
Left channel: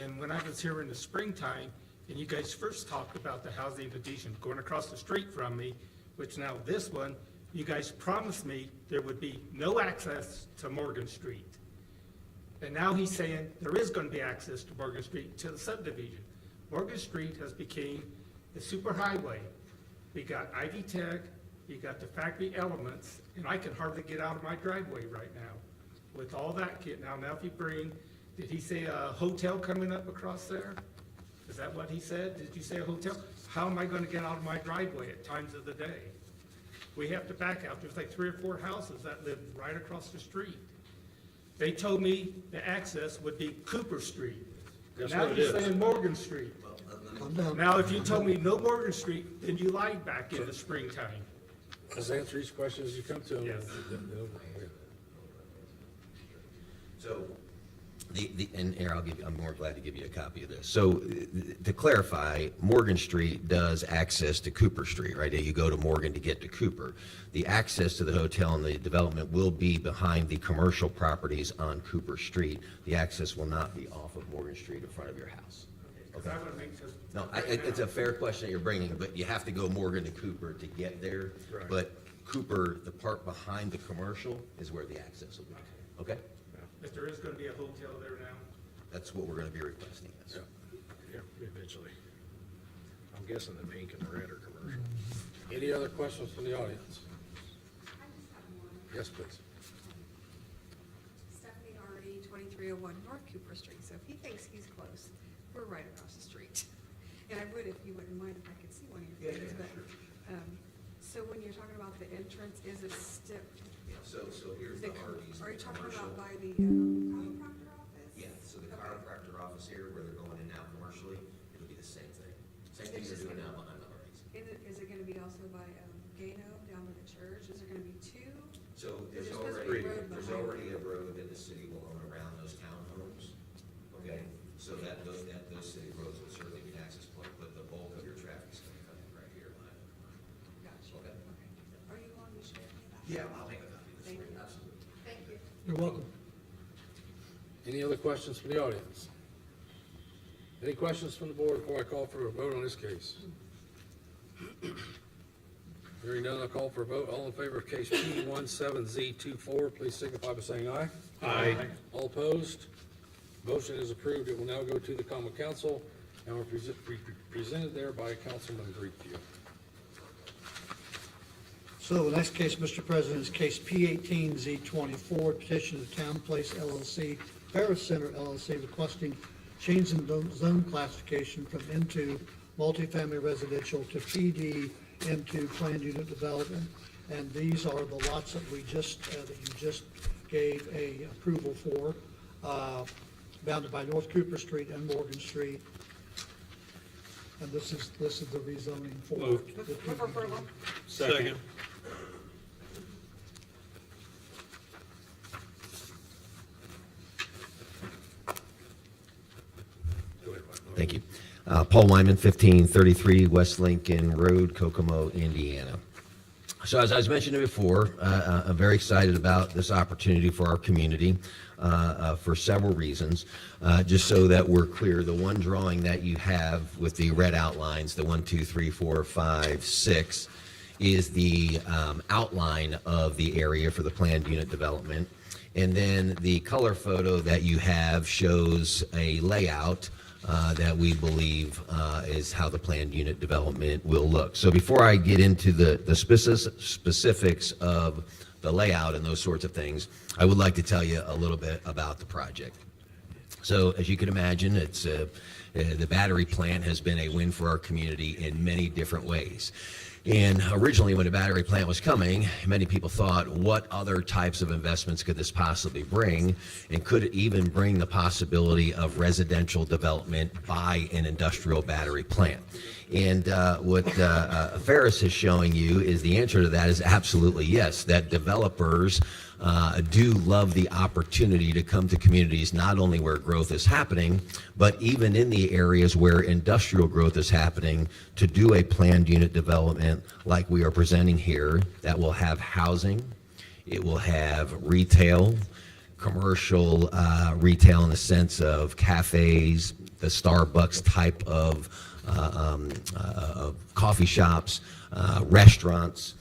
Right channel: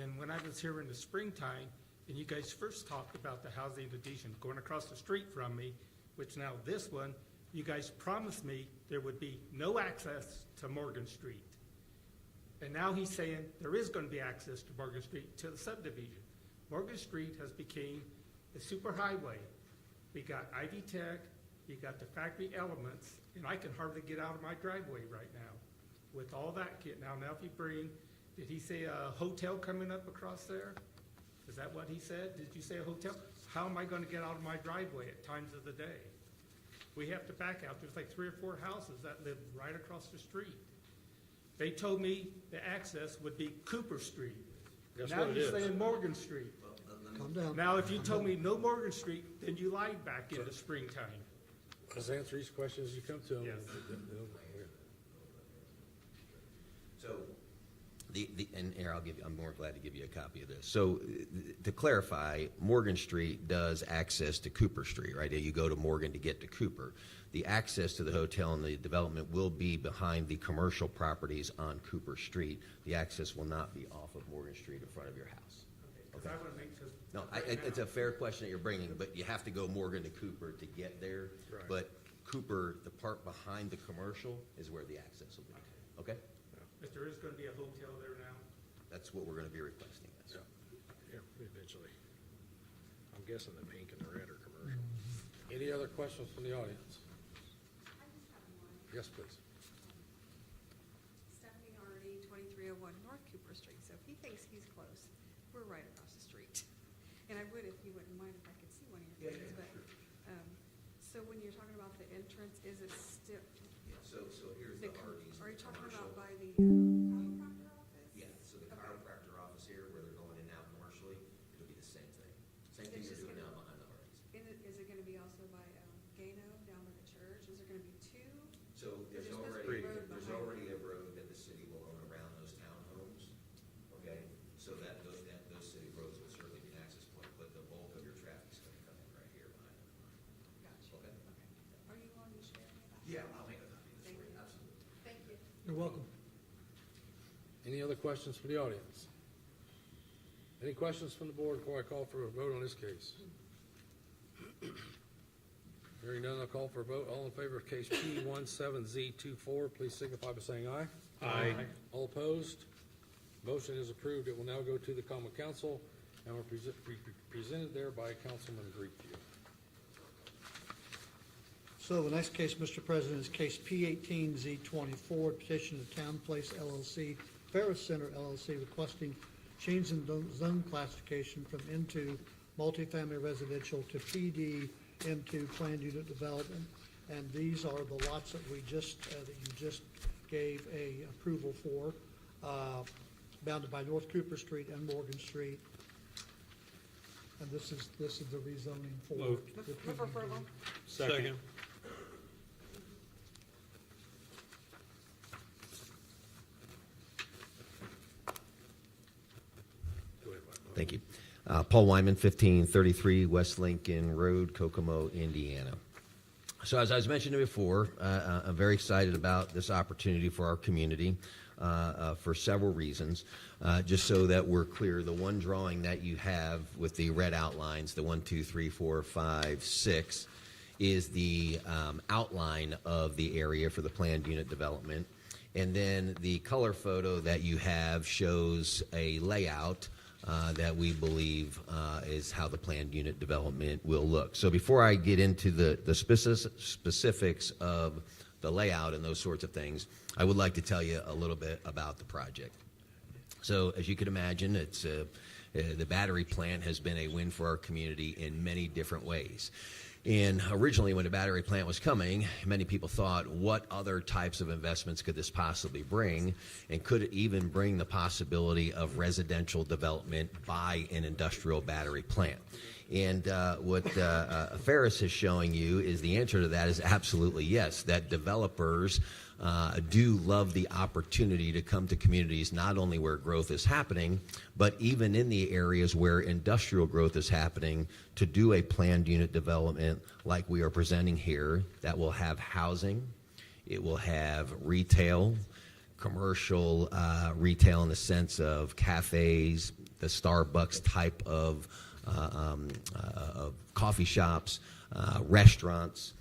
And when I was here in the springtime, and you guys first talked about the housing addition going across the street from me, which now this one, you guys promised me there would be no access to Morgan Street. And now he's saying there is gonna be access to Morgan Street to the subdivision. Morgan Street has become a super highway. We got Ivy Tech, you got the factory elements, and I can hardly get out of my driveway right now with all that kit. Now if you bring, did he say a hotel coming up across there? Is that what he said? Did you say a hotel? How am I gonna get out of my driveway at times of the day? We have to back out. There's like 3 or 4 houses that live right across the street. They told me the access would be Cooper Street. That's Now what it you're is. saying Morgan Street. Calm down. Now, if you told me no Morgan Street, then you lied back in the springtime. Let's answer each question as you come to them. Yes. So, and Aaron, I'm more glad to give you a copy of this. So, to clarify, Morgan Street does access to Cooper Street, right? You go to Morgan to get to Cooper. The access to the hotel and the development will be behind the commercial properties on Cooper Street. The access will not be off of Morgan Street in front of your house. Because I would make this. No, it's a fair question that you're bringing, but you have to go Morgan to Cooper to get there. Right. But Cooper, the part behind the commercial is where the access will be, okay? If there is gonna be a hotel there now. That's what we're gonna be requesting. yes. Yeah, eventually. I'm guessing the pink and the red are commercial. Any other questions from the audience? Yes, please. Stephanie Hardy, 2301 North Cooper Street. So if he thinks he's close, we're right across the street. And I would, if you wouldn't mind, if I could see one of your photos. But, so when you're talking about the entrance, is it step? So here's the Hardee's. Are you talking about by the chiropractor office? Yeah, so the chiropractor office here, where they're going in now commercially, it'll be the same thing. Same thing they're doing now behind the Hardee's. Is it gonna be also by Gano down by the church? Is there gonna be 2? So There's there's supposed to be a road there's behind already a road that the city will own around those townhomes. Okay, so those city roads will certainly be an access point, but the bulk of your traffic's gonna come in right here behind it. Gotcha. Okay. Are you willing to share that? Yeah, I'll make a copy of this Thank for you, you. absolutely. Thank you. You're welcome. Any other questions from the audience? Any questions from the board before I call for a vote on this case? Hearing none, I'll call for a vote. All in favor of case P17Z24, please signify by saying aye. Aye. All opposed? Motion is approved. It will now go to the common council and will be presented there by Councilman Greenfield. So the next case, Mr. President, is case P18Z24, petition of Town Place LLC, Ferris Center LLC, requesting change in zone classification from M2 multifamily residential to PD M2 planned unit development. And these are the lots that we just, that you just gave a approval for, bounded by North Cooper Street and Morgan Street. And this is the rezoning for. Moved. Move for approval. Second. Thank you. Paul Wyman, 1533 West Lincoln Road, Kokomo, Indiana. So as I was mentioning before, I'm very excited about this opportunity for our community for several reasons. Just so that we're clear, the one drawing that you have with the red outlines, the 1, 2, 3, 4, 5, 6, is the outline of the area for the planned unit development. And then the color photo that you have shows a layout that we believe is how the planned unit development will look. So before I get into the specifics of the layout and those sorts of things, I would like to tell you a little bit about the project. So as you can imagine, it's the battery plant has been a win for our community in many different ways. And originally, when the battery plant was coming, many people thought, what other types of investments could this possibly bring? And could it even bring the possibility of residential development by an industrial battery plant? And what Ferris is showing you is the answer to that is absolutely yes, that developers do love the opportunity to come to communities not only where growth is happening, but even in the areas where industrial growth is happening, to do a planned unit development like we are presenting here that will have housing, it will have retail, commercial retail in the sense of cafes, the Starbucks type of coffee shops, restaurants,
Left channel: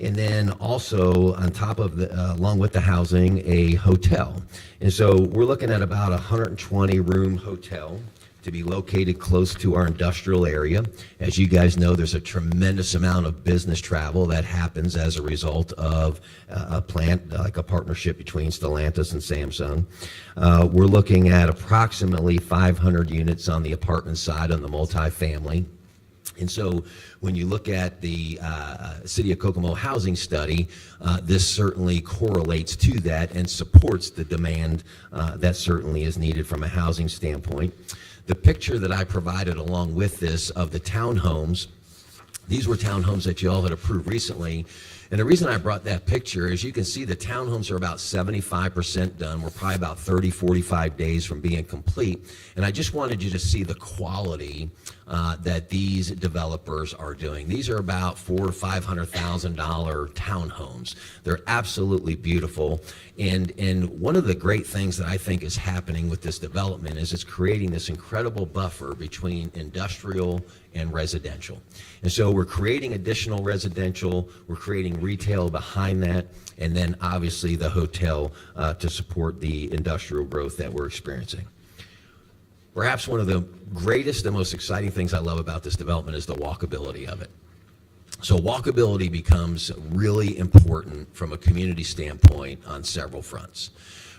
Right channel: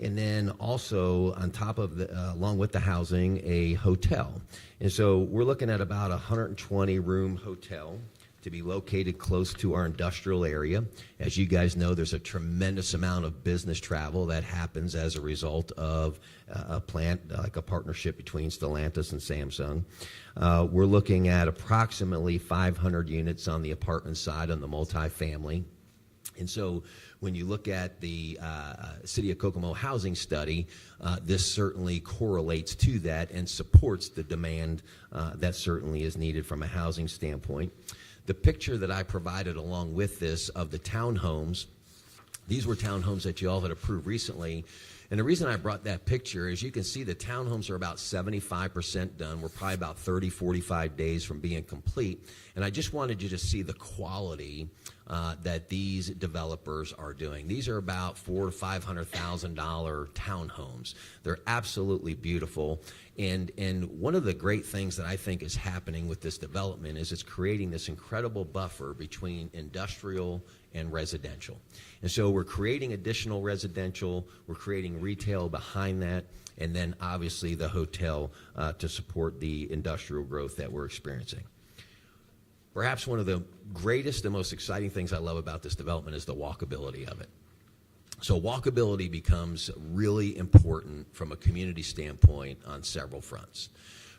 and then also on top of the, along with the housing, a hotel. And so we're looking at about a 120-room hotel to be located close to our industrial area. As you guys know, there's a tremendous amount of business travel that happens as a result of a plant, like a partnership between Stellantis and Samsung. We're looking at approximately 500 units on the apartment side on the multifamily. And so when you look at the City of Kokomo housing study, this certainly correlates to that and supports the demand that certainly is needed from a housing standpoint. The picture that I provided along with this of the townhomes, these were townhomes that you all had approved recently. And the reason I brought that picture is you can see the townhomes are about 75% done. We're probably about 30, 45 days from being complete. And I just wanted you to see the quality that these developers are doing. These are about $400,000 to $500,000 townhomes. They're absolutely beautiful. And one of the great things that I think is happening with this development is it's creating this incredible buffer between industrial and residential. And so we're creating additional residential, we're creating retail behind that, and then obviously the hotel to support the industrial growth that we're experiencing. Perhaps one of the greatest and most exciting things I love about this development is the walkability of it. So walkability becomes really important from a community standpoint on several fronts.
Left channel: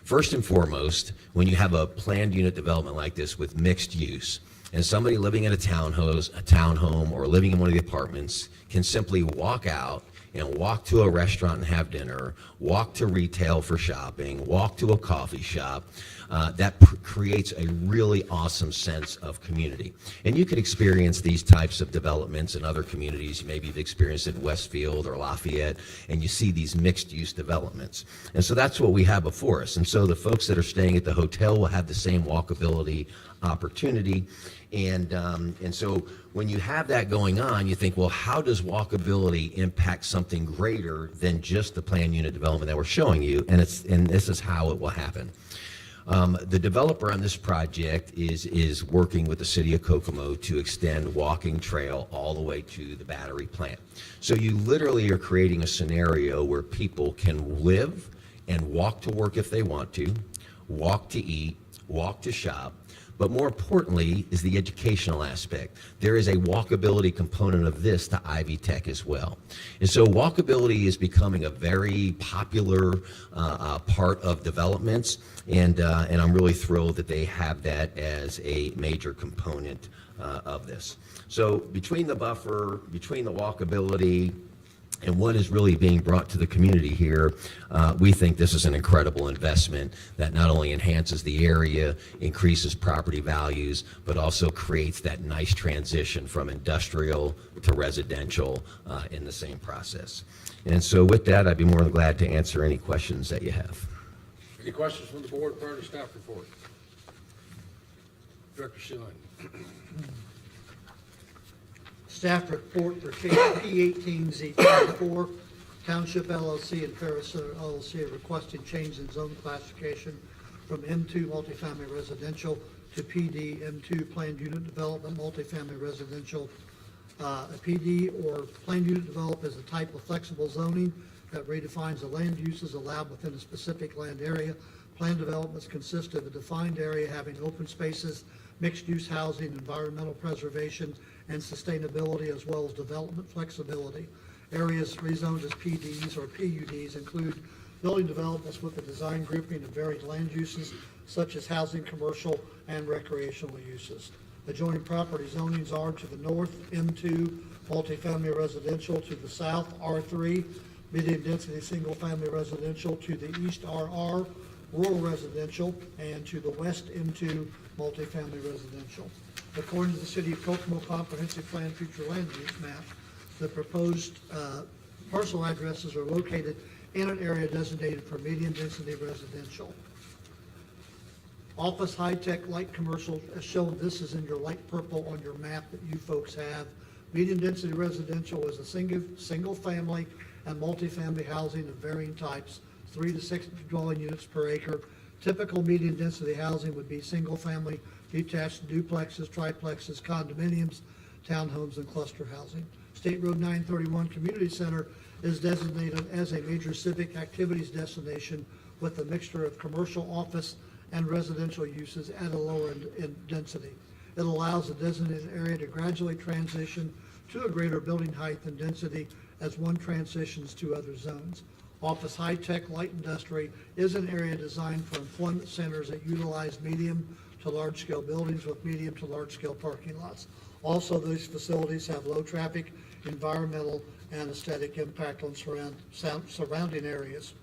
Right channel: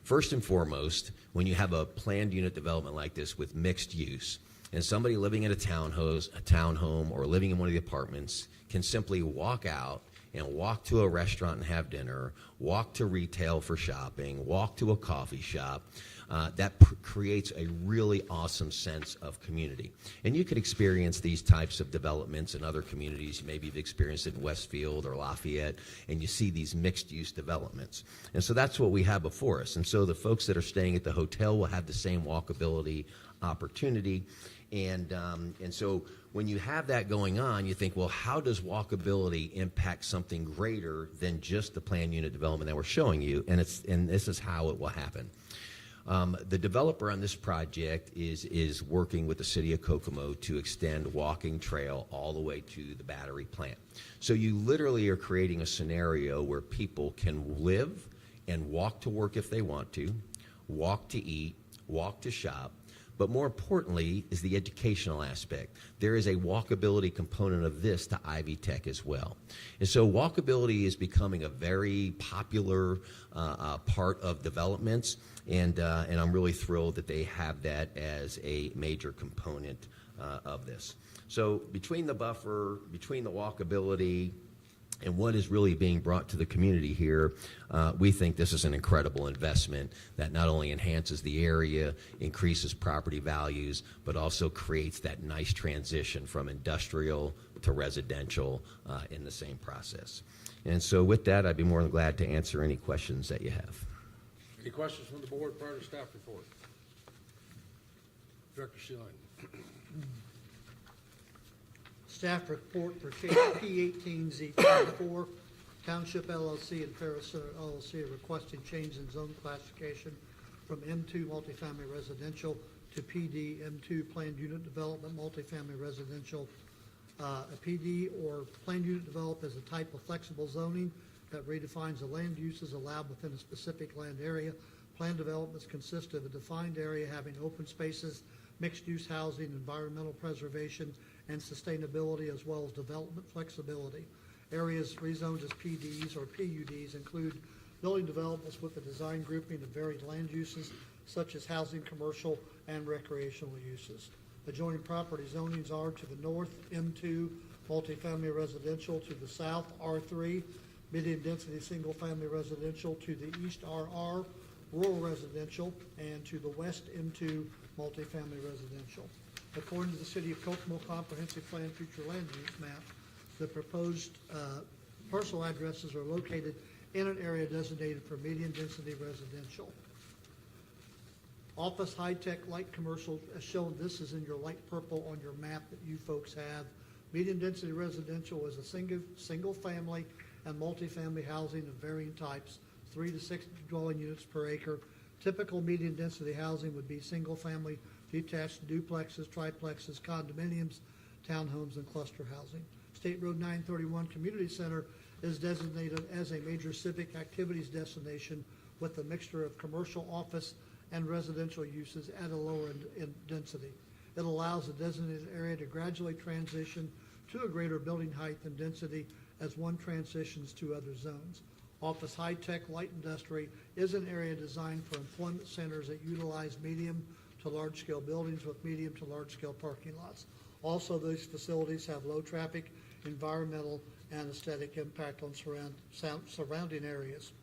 First and foremost, when you have a planned unit development like this with mixed use, and somebody living in a townhome, or living in one of the apartments can simply walk out and walk to a restaurant and have dinner, walk to retail for shopping, walk to a coffee shop, that creates a really awesome sense of community. And you could experience these types of developments in other communities. Maybe you've experienced it in Westfield or Lafayette, and you see these mixed-use developments. And so that's what we have before us. And so the folks that are staying at the hotel will have the same walkability opportunity. And so when you have that going on, you think, well, how does walkability impact something greater than just the planned unit development that we're showing you? And this is how it will happen. The developer on this project is working with the City of Kokomo to extend walking trail all the way to the battery plant. So you literally are creating a scenario where people can live and walk to work if they want to, walk to eat, walk to shop. But more importantly is the educational aspect. There is a walkability component of this to Ivy Tech as well. And so walkability is becoming a very popular part of developments, and I'm really thrilled that they have that as a major component of this. So between the buffer, between the walkability, and what is really being brought to the community here, we think this is an incredible investment that not only enhances the area, increases property values, but also creates that nice transition from industrial to residential in the same process. And so with that, I'd be more than glad to answer any questions that you have. Any questions from the board prior to staff report? Director Schilling. Staff report for case P18Z24, Township LLC and Ferris Center LLC are requesting change in zone classification from M2 multifamily residential to PD M2 planned unit development multifamily residential. A PD or planned unit development is a type of flexible zoning that redefines the land uses allowed within a specific land area. Planned developments consist of a defined area having open spaces, mixed-use housing, environmental preservation, and sustainability, as well as development flexibility. Areas rezoned as PDs or PUDs include building developments with a design grouping of varied land uses, such as housing, commercial, and recreational uses. Adjoining property zonings are to the north, M2, multifamily residential, to the south, R3, medium-density single-family residential, to the east, RR, rural residential, and to the west, M2, multifamily residential. According to the City of Kokomo Comprehensive Plan Future Land Use Map, the proposed parcel addresses are located in an area designated for medium-density residential. Office, high-tech, light commercial, as shown, this is in your light purple on your map that you folks have. Medium-density residential is a single-family and multifamily housing of varying types, 3 to 6 dwelling units per acre. Typical medium-density housing would be single-family, detached duplexes, triplexes, condominiums, townhomes, and cluster housing. State Road 931 Community Center is designated as a major civic activities destination with a mixture of commercial, office, and residential uses at a lower in density. It allows the designated area to gradually transition to a greater building height and density as one transitions to other zones. Office, high-tech, light industry is an area designed for employment centers that utilize medium to large-scale buildings with medium to large-scale parking lots. Also, these facilities have low traffic, environmental, and aesthetic impact on surrounding areas.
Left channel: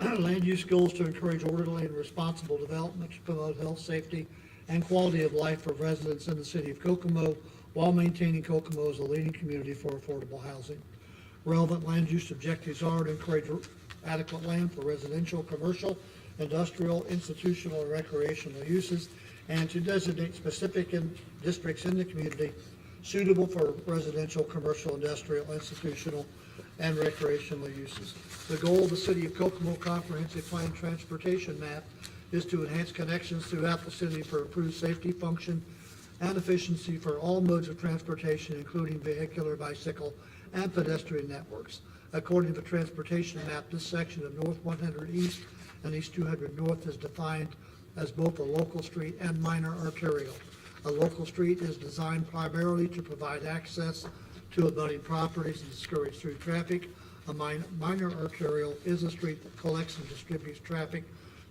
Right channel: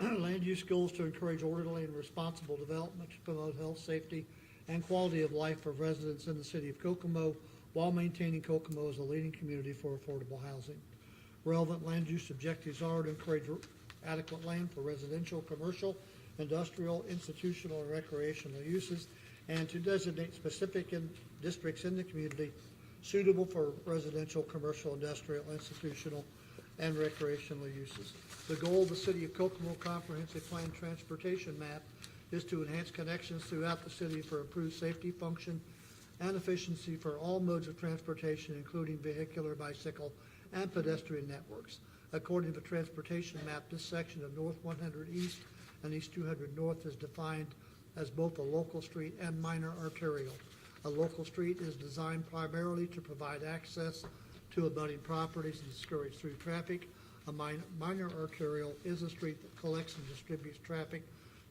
Land use goals to encourage orderly and responsible development to promote health, safety, and quality of life for residents in the city of Kokomo while maintaining Kokomo as a leading community for affordable housing. Relevant land use objectives are to encourage adequate land for residential, commercial, industrial, institutional, and recreational uses, and to designate specific districts in the community suitable for residential, commercial, industrial, institutional, and recreational uses. The goal of the City of Kokomo Comprehensive Plan Transportation Map is to enhance connections throughout the city for improved safety, function, and efficiency for all modes of transportation, including vehicular, bicycle, and pedestrian networks. According to the transportation map, this section of North 100 East and East 200 North is defined as both a local street and minor arterial. A local street is designed primarily to provide access to abutting properties and discourage through traffic. A minor arterial is a street that collects and distributes traffic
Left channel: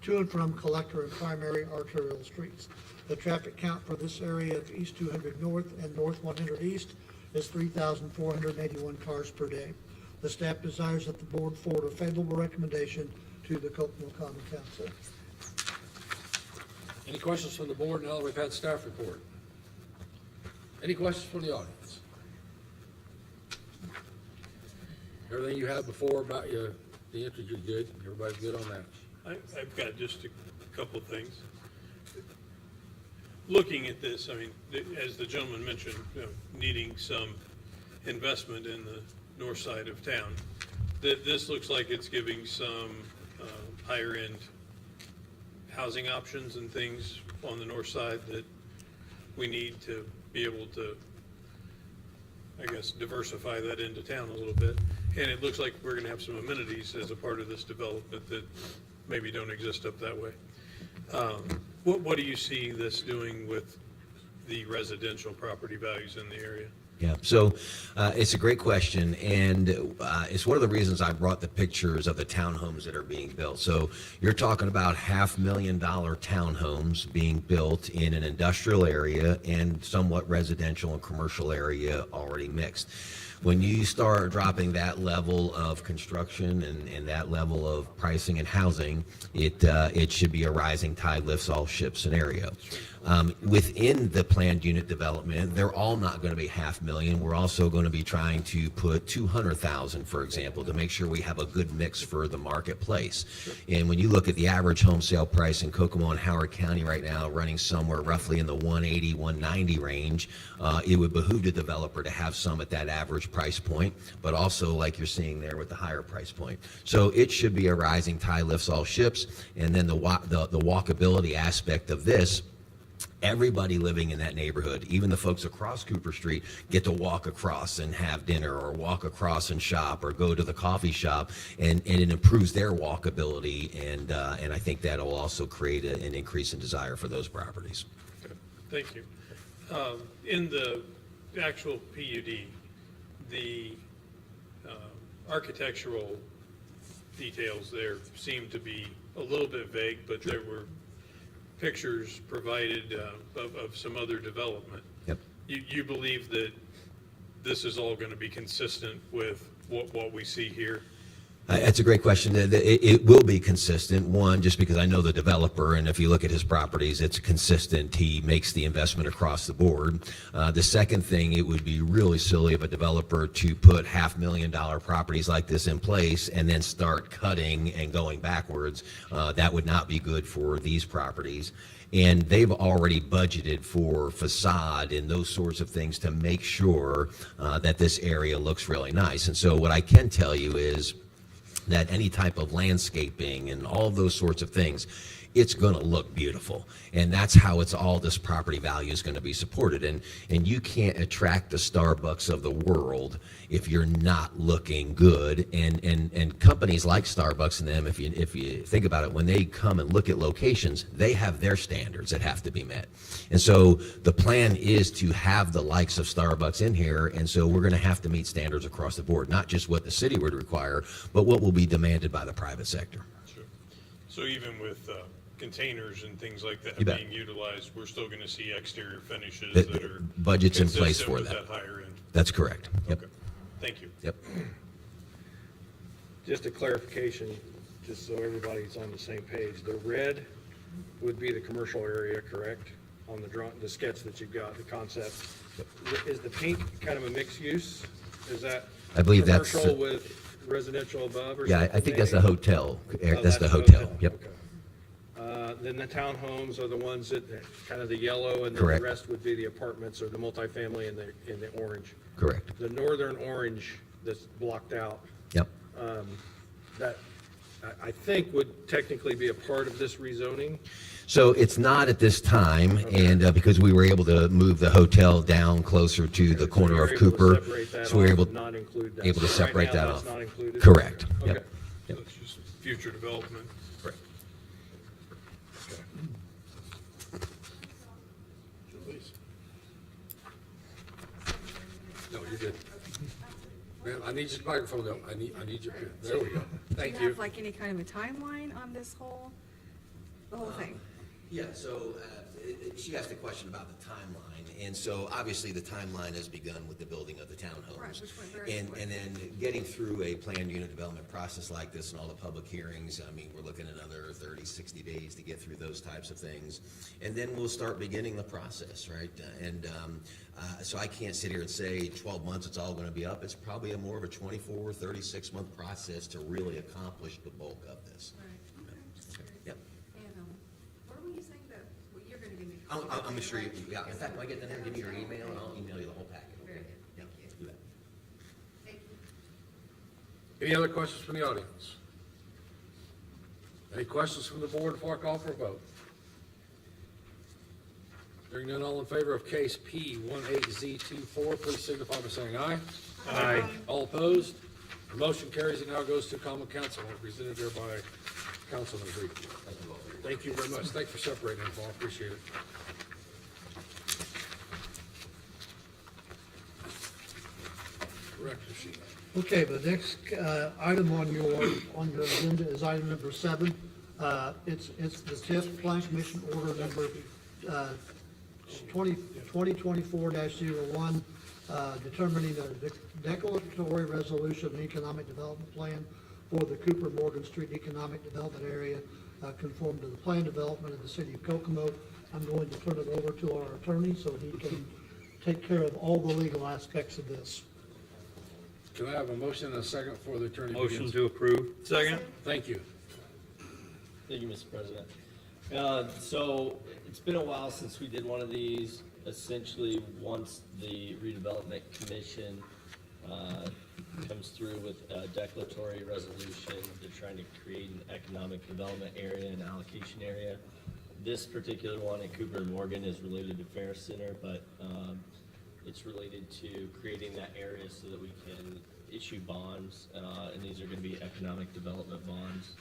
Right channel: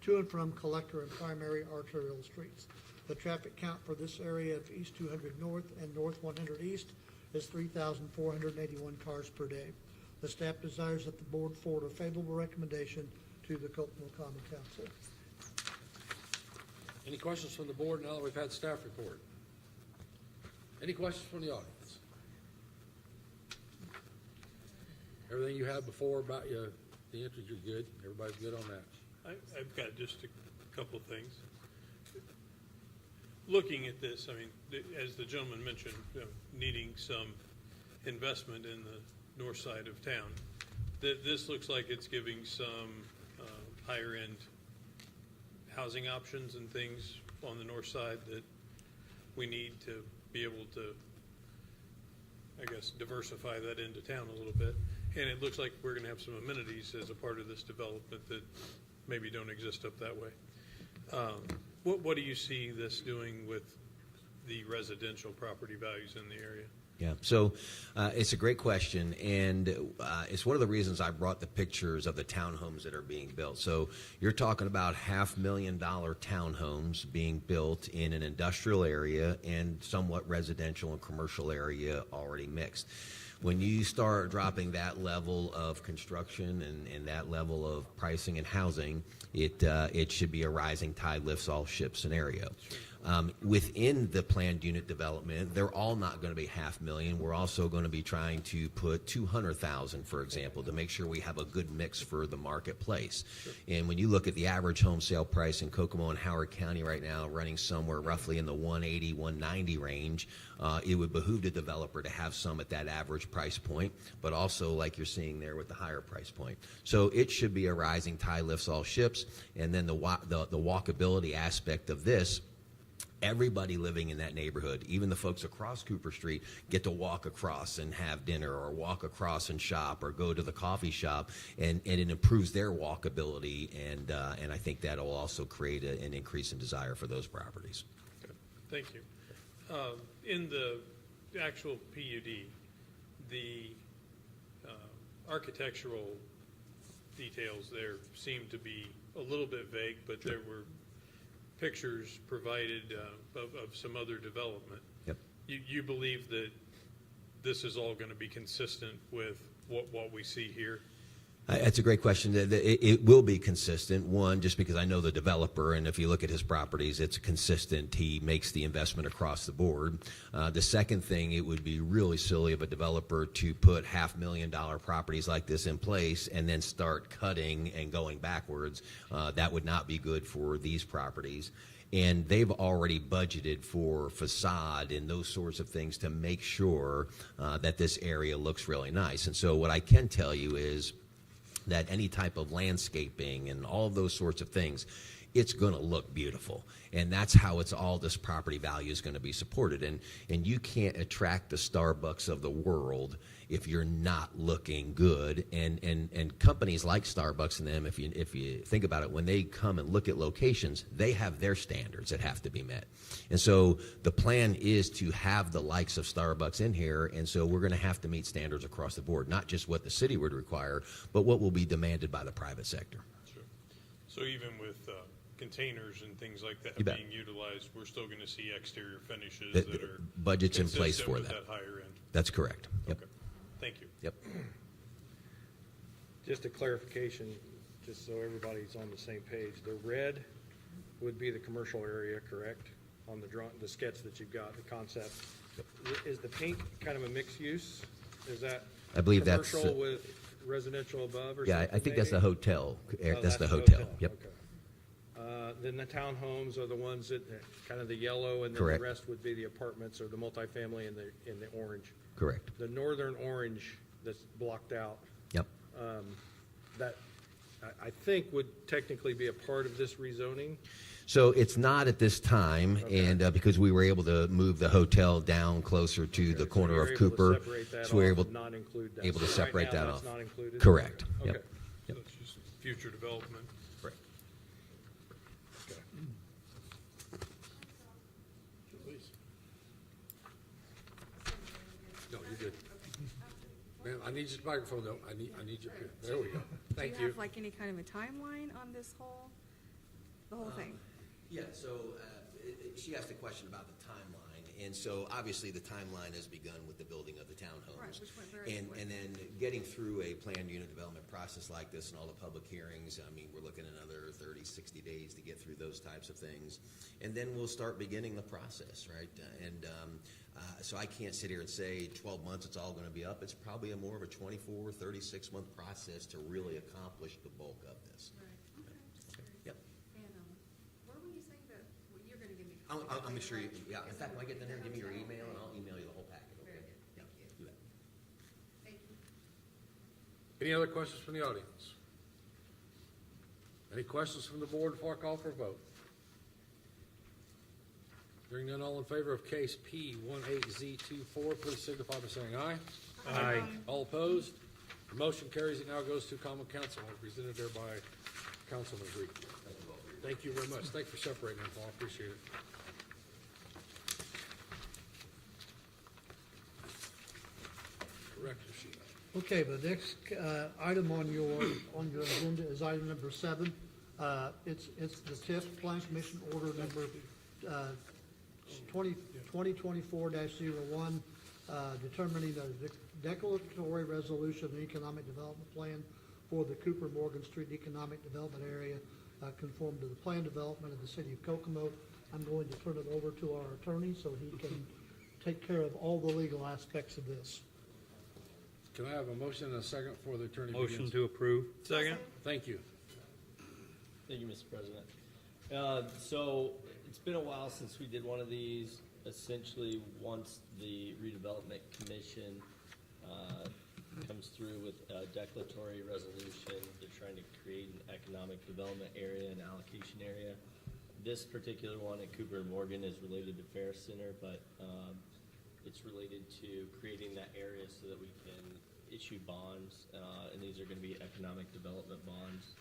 to and from collector and primary arterial streets. The traffic count for this area of East 200 North and North 100 East is 3,481 cars per day. The staff desires that the board forward a favorable recommendation to the Kokomo Common Council. Any questions from the board now that we've had staff report? Any questions from the audience? Everything you had before about the interview, you're good? Everybody's good on that? I've got just a couple of things. Looking at this, I mean, as the gentleman mentioned, needing some investment in the north side of town, this looks like it's giving some higher-end housing options and things on the north side that we need to be able to, I guess, diversify that into town a little bit. And it looks like we're gonna have some amenities as a part of this development that maybe don't exist up that way. What do you see this doing with the residential property values in the area? Yeah, so it's a great question, and it's one of the reasons I brought the pictures of the townhomes that are being built. So you're talking about $500,000 townhomes being built in an industrial area and somewhat residential and commercial area already mixed. When you start dropping that level of construction and that level of pricing and housing, it should be a rising tide lifts all ships scenario. Within the planned unit development, they're all not going to be $500,000. We're also going to be trying to put $200,000, for example, to make sure we have a good mix for the marketplace. And when you look at the average home sale price in Kokomo and Howard County right now, running somewhere roughly in the 180, 190 range, it would behoove the developer to have some at that average price point, but also like you're seeing there with the higher price point. So it should be a rising tide lifts all ships. And then the walkability aspect of this, everybody living in that neighborhood, even the folks across Cooper Street, get to walk across and have dinner, or walk across and shop, or go to the coffee shop, and it improves their walkability, and I think that'll also create an increase in desire for those properties. Okay, thank you. In the actual PUD, the architectural details there seem to be a little bit vague, but there were pictures provided of some other development. Yep. You believe that this is all going to be consistent with what we see here? That's a great question. It will be consistent, one, just because I know the developer, and if you look at his properties, it's consistent. He makes the investment across the board. The second thing, it would be really silly of a developer to put $500,000 properties like this in place and then start cutting and going backwards. That would not be good for these properties. And they've already budgeted for facade and those sorts of things to make sure that this area looks really nice. And so what I can tell you is that any type of landscaping and all those sorts of things, it's going to look beautiful. And that's how this property value is going to be supported. And you can't attract the Starbucks of the world if you're not looking good. And companies like Starbucks and them, if you think about it, when they come and look at locations, they have their standards that have to be met. And so the plan is to have the likes of Starbucks in here. And so we're going to have to meet standards across the board, not just what the city would require, but what will be demanded by the private sector. Sure. So even with containers and things like that You bet. being utilized, we're still going to see exterior finishes The that are budget's in place consistent for with that. higher end. That's correct. Yep. Okay, thank you. Yep. Just a clarification, just so everybody's on the same page. The red would be the commercial area, correct? On the drawing, the sketch that you've got, the concept. Is the pink kind of a mixed use? Is that I believe that's commercial with residential above or Yeah, something? I think that's the hotel. Oh, That's the hotel. Yep. Okay. Then the townhomes are the ones that, kind of the yellow, and then Correct. the rest would be the apartments or the multifamily in the orange. Correct. The northern orange that's blocked out, Yep. that I think would technically be a part of this rezoning. So it's not at this time, and because we were able to move the hotel down closer to the corner of So you're able to Cooper, separate that so we were off able and not include that. able to So right separate now, that that's off. not included? Correct. Okay. Yep. So it's just future development. Correct. No, you're good. Man, I need your microphone though. I need your, there we go. Do Thank you you. have like any kind of a timeline on this whole, the whole thing? Yeah, so she asked a question about the timeline, and so obviously the timeline has begun with the building of the townhomes. Right, which went very And quick. then getting through a planned unit development process like this and all the public hearings, I mean, we're looking at another 30, 60 days to get through those types of things. And then we'll start beginning the process, right? So I can't sit here and say 12 months it's all going to be up. It's probably more of a 24, 36-month process to really accomplish the bulk of this. Right, okay, just curious. Yep. And, what were you saying that, well, you're gonna give me? I'm sure you, yeah, in fact, when I get done, give me your email and I'll email you the whole packet. Very good, thank you. You bet. Thank you. Any other questions from the audience? Any questions from the board before I call for a vote? Hearing none, all in favor of case P18Z24, please signify by saying aye. Aye. All opposed? The motion carries and now goes to common council, represented there by Councilman Reed. Thank you very much. Thank you for separating them, Paul. Appreciate it. Director sheet. Okay, the next item on your agenda is item number 7. It's the TIF Plan Commission Order number 2024-01, determining a declaratory resolution and economic development plan for the Cooper Morgan Street Economic Development Area, conform to the plan development of the city of Kokomo I'm going to turn it over to our attorney so he can take care of all the legal aspects of this. Can I have a motion and a second for the attorney? Motion begins? to approve. Second. Thank you. Thank you, Mr. President. So it's been a while since we did one of these. Essentially, once the redevelopment commission comes through with a declaratory resolution, they're trying to create an economic development area and allocation area. This particular one in Cooper and Morgan is related to Fair Center, but it's related to creating that area so that we can issue bonds, and these are gonna be economic development bonds,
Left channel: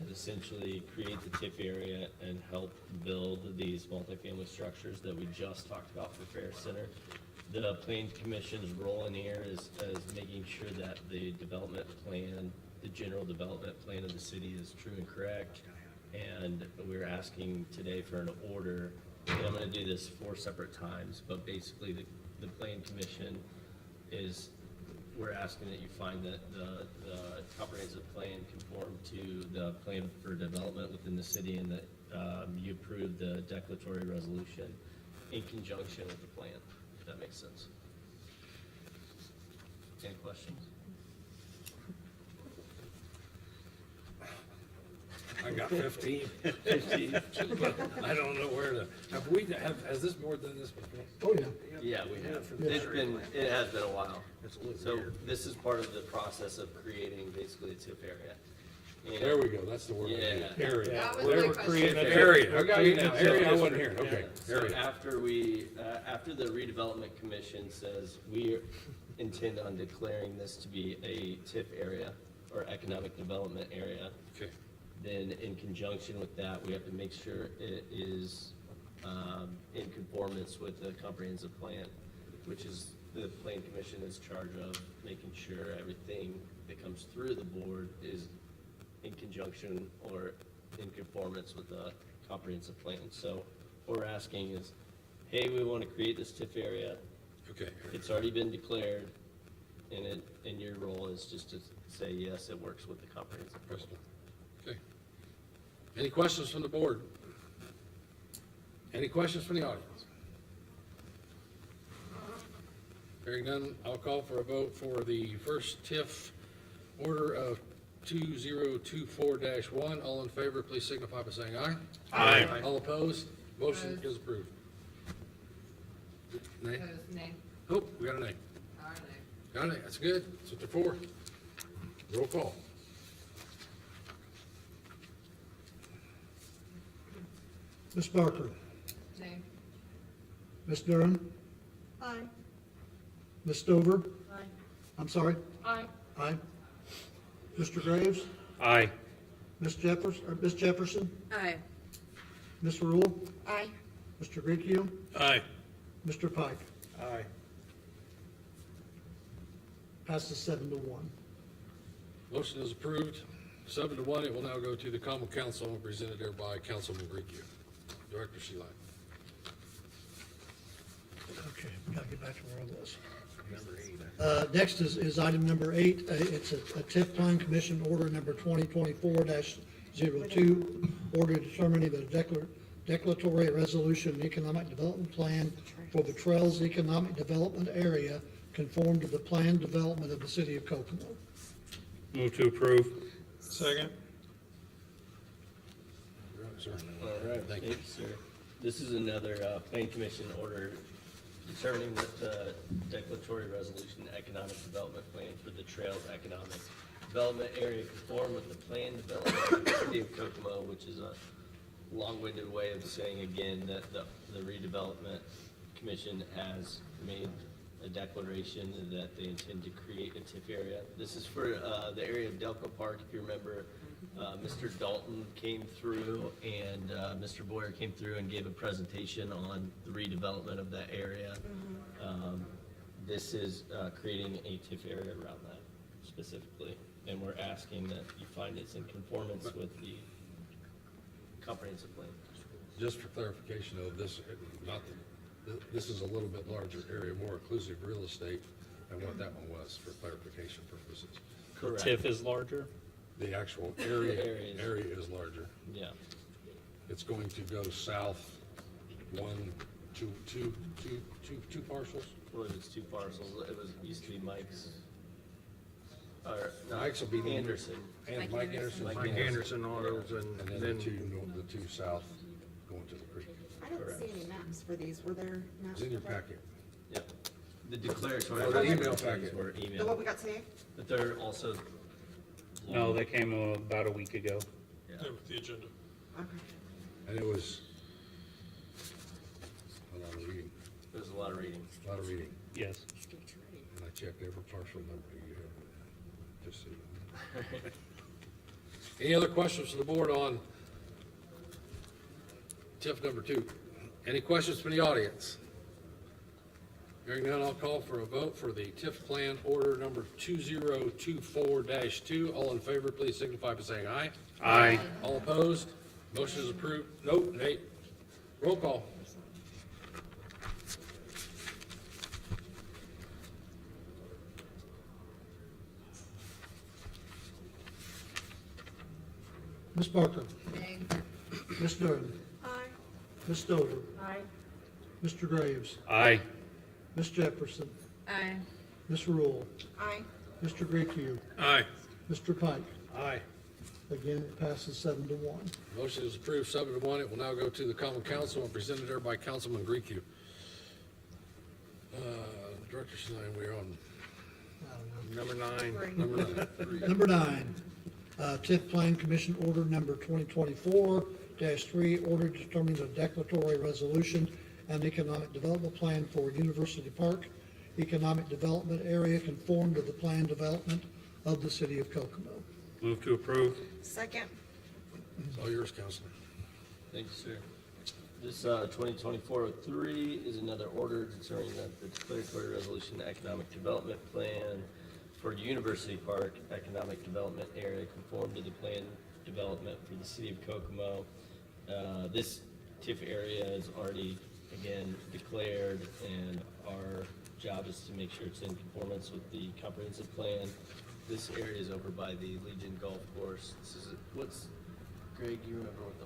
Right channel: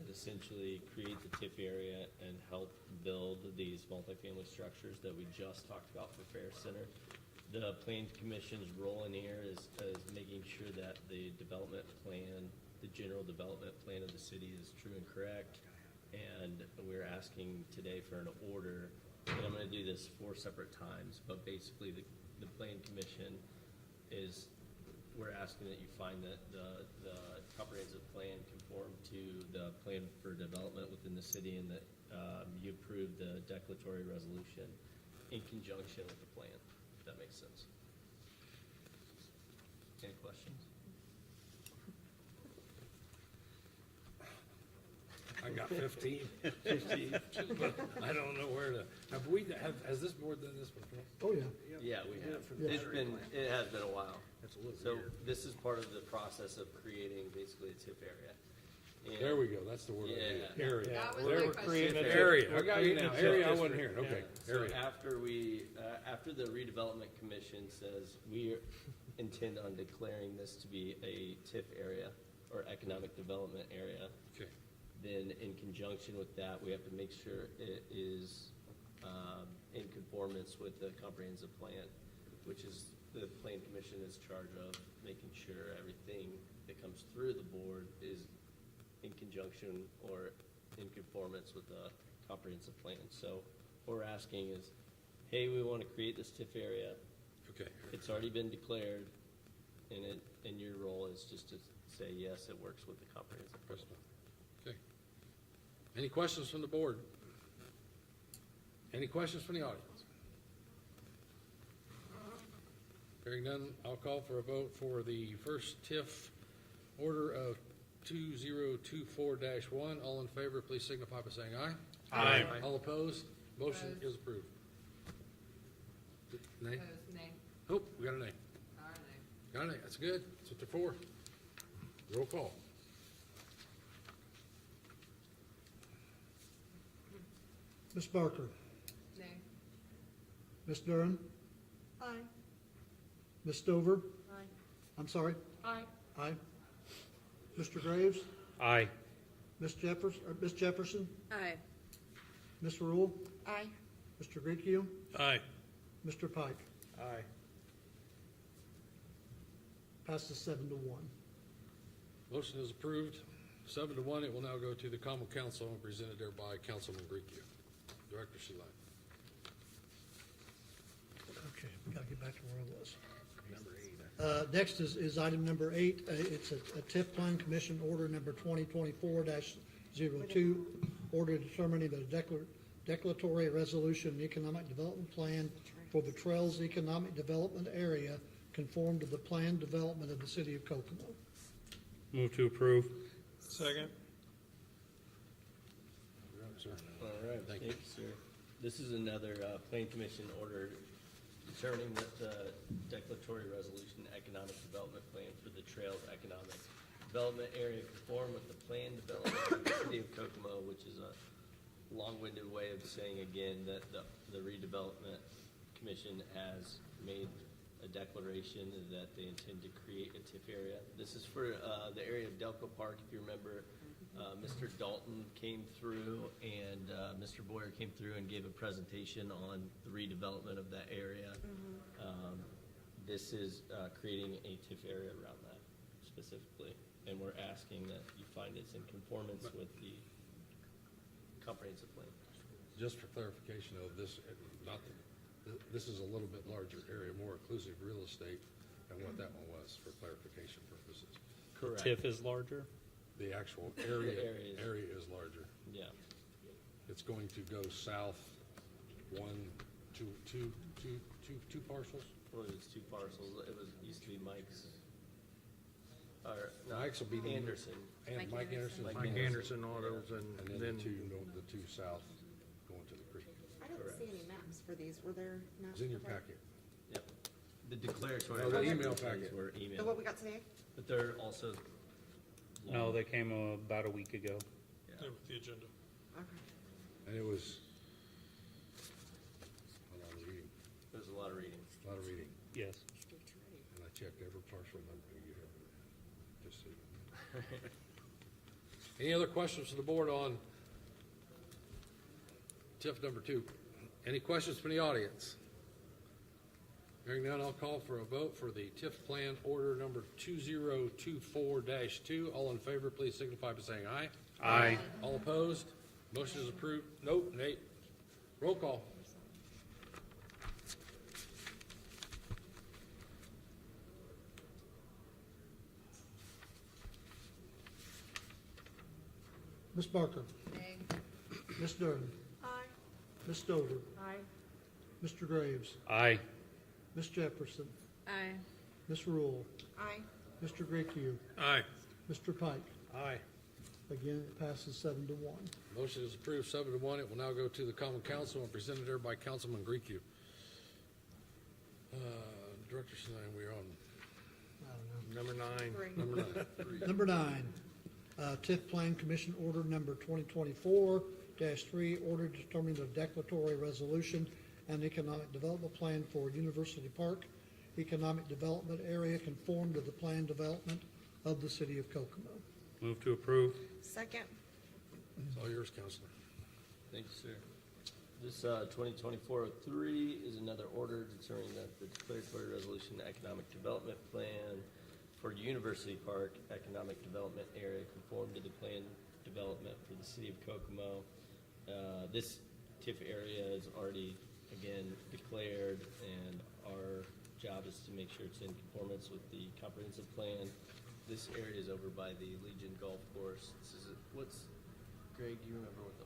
and essentially create the TIF area and help build these multifamily structures that we just talked about for Fair Center. The Plan Commission's role in here is making sure that the development plan, the general development plan of the city is true and correct. And we're asking today for an order, and I'm gonna do this 4 separate times, but basically the Plan Commission is, we're asking that you find that the comprehensive plan conform to the plan for development within the city, and that you approve the declaratory resolution in conjunction with the plan, if that makes sense. Any questions? I got 15. I don't know where to, has this board done this before? Oh, yeah. Yeah, we have. It has been a while. So this is part of the process of creating basically a TIF area. And- There we go, that's the word. Yeah. Area. That was They my were question. creating a Area, I got you now, area, I wasn't here, okay, So area. after after the redevelopment commission says we intend on declaring this to be a TIF area or economic development area, Okay, then in conjunction with that, we have to make sure it is in conformance with the comprehensive plan, which is the plan commission is charged of making sure everything that comes through the board is in conjunction or in conformance with the comprehensive plan. So what we're asking is, hey, we want to create this TIF area. okay. It's already been declared, and your role is just to say, yes, it works with the comprehensive plan. Okay. Any questions from the board? Any questions from the audience? Hearing none, I'll call for a vote for the first TIF order of 2024-1. All in favor, please signify by saying aye. Aye. All opposed? Motion is approved. Nay? Nay. Oh, we got a nay. Got it, that's good. That's what they're for. Roll call. Ms. Barker, Nay. Ms. Durham, Aye. Ms. Stover, Aye. I'm sorry, Aye. aye. Mr. Graves, Aye. Ms. Jefferson, Aye. Ms. Rule, Aye. Mr. Gricchio, Aye. Mr. Pike. Aye. Passes 7-1. Motion is approved, 7-1. It will now go to the common council and presented there by Councilman Gricchio. Director Sheila. Okay, we gotta get back to where I was. Next is item number 8. It's a TIF Plan Commission Order number 2024-02, order determining the declaratory resolution and economic development plan for the Trails Economic Development Area conform to the planned development of the city of Kokomo. Move to approve. Second. All right, thank you, sir. This is another plan commission order determining that the declaratory resolution economic development plan for the Trails Economic Development Area conform with the planned development of the city of Kokomo, which is a long-winded way of saying again that the redevelopment commission has made a declaration that they intend to create a TIF area. This is for the area of Delco Park. If you remember, Mr. Dalton came through and Mr. Boyer came through and gave a presentation on the redevelopment of that area. This is creating a TIF area around that specifically, and we're asking that you find it's in conformance with the comprehensive plan. Just for clarification of this, this is a little bit larger area, more inclusive real estate than what that one was for clarification purposes. Correct. TIF is larger? The actual area The area is- is larger. Yeah. It's going to go south two parcels? Well, it's two parcels, it was, used to be Mike's. Or, no, Mike's will be the- Anderson. And Mike Anderson. Mike Anderson Autos And and then then, the two south going to the creek. I don't see any maps for these, were there maps? It's in your for that? packet. Yep. The declaratory. Oh, the email documents packet. were The emailed, what we got today? but they're also. No, they came about a week ago. Yeah. Yeah, with the agenda. Okay. And it was a lot of reading, There's a lot of reading. a lot of reading. Yes. And I checked every parcel number you have, just so you know. Any other questions from the board on TIF number 2? Any questions from the audience? Hearing none, I'll call for a vote for the TIF plan order number 2024-2. All in favor, please signify by saying aye. Aye. All opposed? Motion is approved. Nope, Nate. Roll call. Ms. Barker? Ms. Durden? Aye. Ms. Stover? Aye. Mr. Graves? Aye. Ms. Jefferson? Aye. Ms. Rule? Aye. Mr. Graycube? Aye. Mr. Pike? aye. Again, it passes 7-1. Motion is approved 7-1. It will now go to the common council and presented there by Councilman Griecu. Director Stein, we're on Number 9. number 9. Number 9, TIF Plan Commission Order Number 2024-3, order determining a declaratory resolution and economic development plan for University Park Economic Development Area conform to the planned development of the city of Kokomo. Move to approve. Second. It's all yours, Councilman. Thank you, sir. This 2024-03 is another order determining that the declaratory resolution economic development plan for University Park Economic Development Area conform to the planned development for the city of Kokomo. This TIF area is already, again, declared, and our job is to make sure it's in conformance with the comprehensive plan. This area is over by the Legion Golf Course. This is, Greg, do you remember what the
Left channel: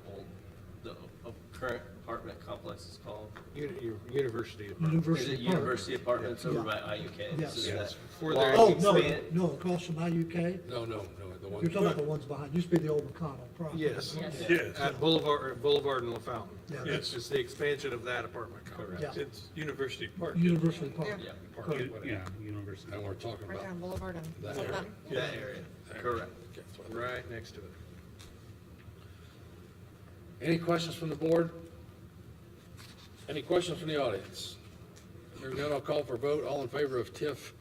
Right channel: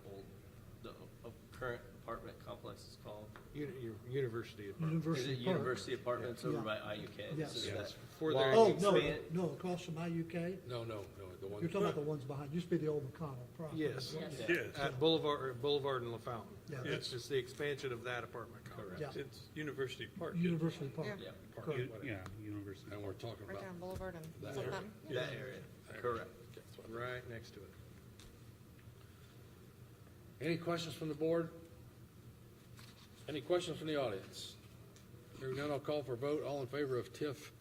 current apartment complex is called? University. Is University it Park. University Apartments over Yeah. by IUK? Yes. This is Yes. that- For Well, their- Oh, no, expand- no, across from IUK? No, the one. You're talking about the ones behind, used to be the old McConnell property. Yes, Yes. at Boulevard and La Fountain. Yeah. It's just the expansion of that apartment complex. Yeah. It's University Park. University Park. Yeah, Correct. Yeah, university. And we're talking Right about down Boulevard and. that Silver. area. that area. Correct. Okay, that's what I- Right next to it. Any questions from the board? Any questions from the audience? Hearing none, I'll call for a vote. All in favor of TIF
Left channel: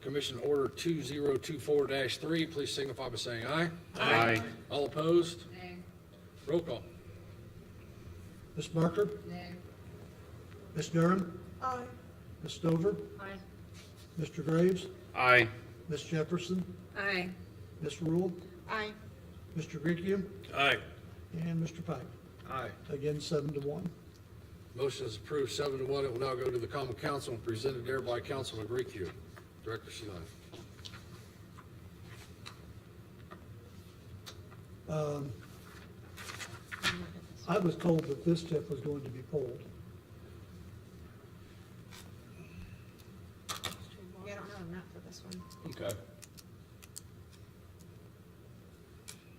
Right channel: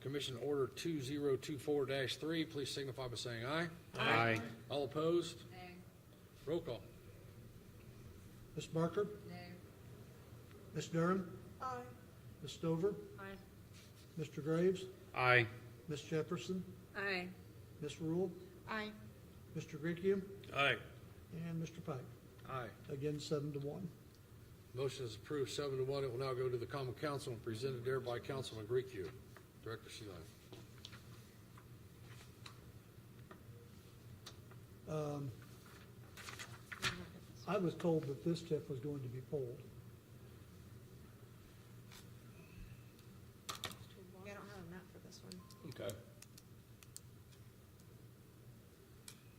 Commission Order 2024-3, please signify by saying aye. Aye. All opposed? Roll call. Ms. Barker? Ms. Durham? Aye. Ms. Stover? Aye. Mr. Graves? Aye. Ms. Jefferson? Aye. Ms. Rule? Aye. Mr. Graycube? Aye. And Mr. Pike. Aye. Again, 7-1. Motion is approved 7-1. It will now go to the common council and presented there by Councilman Griecu. Director Stein. I was told that this TIF was going to be pulled. Yeah, I don't have a map for this one. Okay.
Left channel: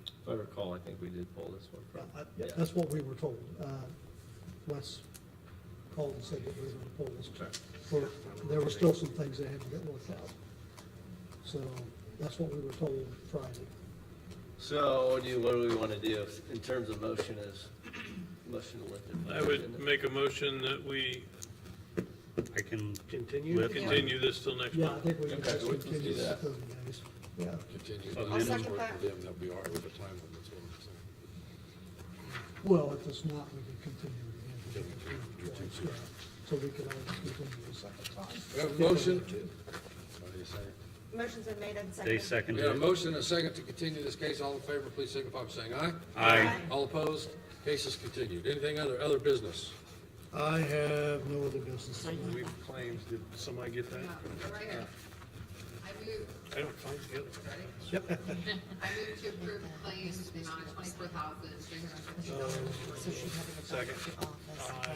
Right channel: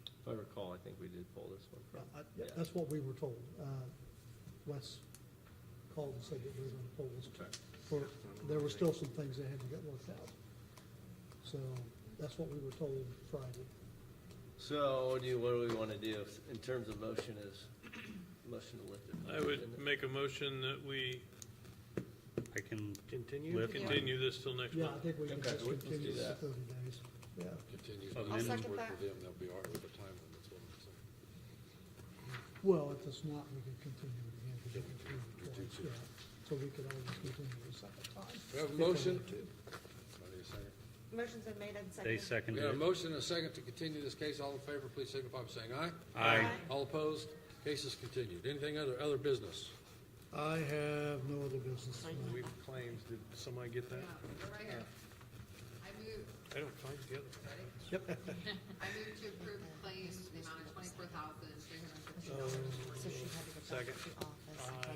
If I recall, I think we did pull this one Yeah, from. yeah, that's what we were told. Wes called and said that we were going to pull this TIF. There were still some things that had to get worked out. So that's what we were told Friday. So what do we want to do in terms of motion motion to lift it? I would make a motion that we I can Continue? continue this till next Yeah, I month. think we can Okay, just let's do continue that. with those guys. Yeah. Continue. I'll second that. They'll be all right with the time limit, that's what I'm saying. Well, if it's not, we can continue it again. Yeah, so we could always continue the second time. We have a motion. What do you say? Motion's been made and They seconded. We have a seconded it. motion and a second to continue this case. All in favor, please signify by saying aye. Aye. All opposed? Case is continued. Anything other business? I have no other business. We've claims, did somebody get that? I don't find the other. I move to approve claims in the amount of $24,350. Second.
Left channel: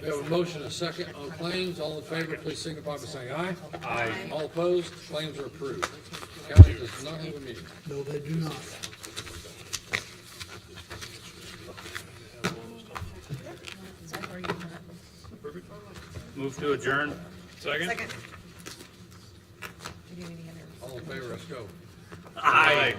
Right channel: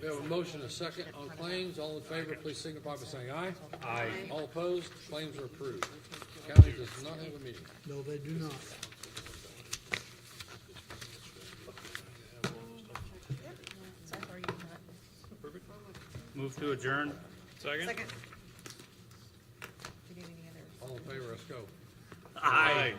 We have a motion and a second on claims. All in favor, please signify by saying aye. Aye. All opposed, claims are approved. County does not have a meeting. No, they do not. Move to adjourn. Second? Second. Do you need any other? All in favor, let's go. Aye.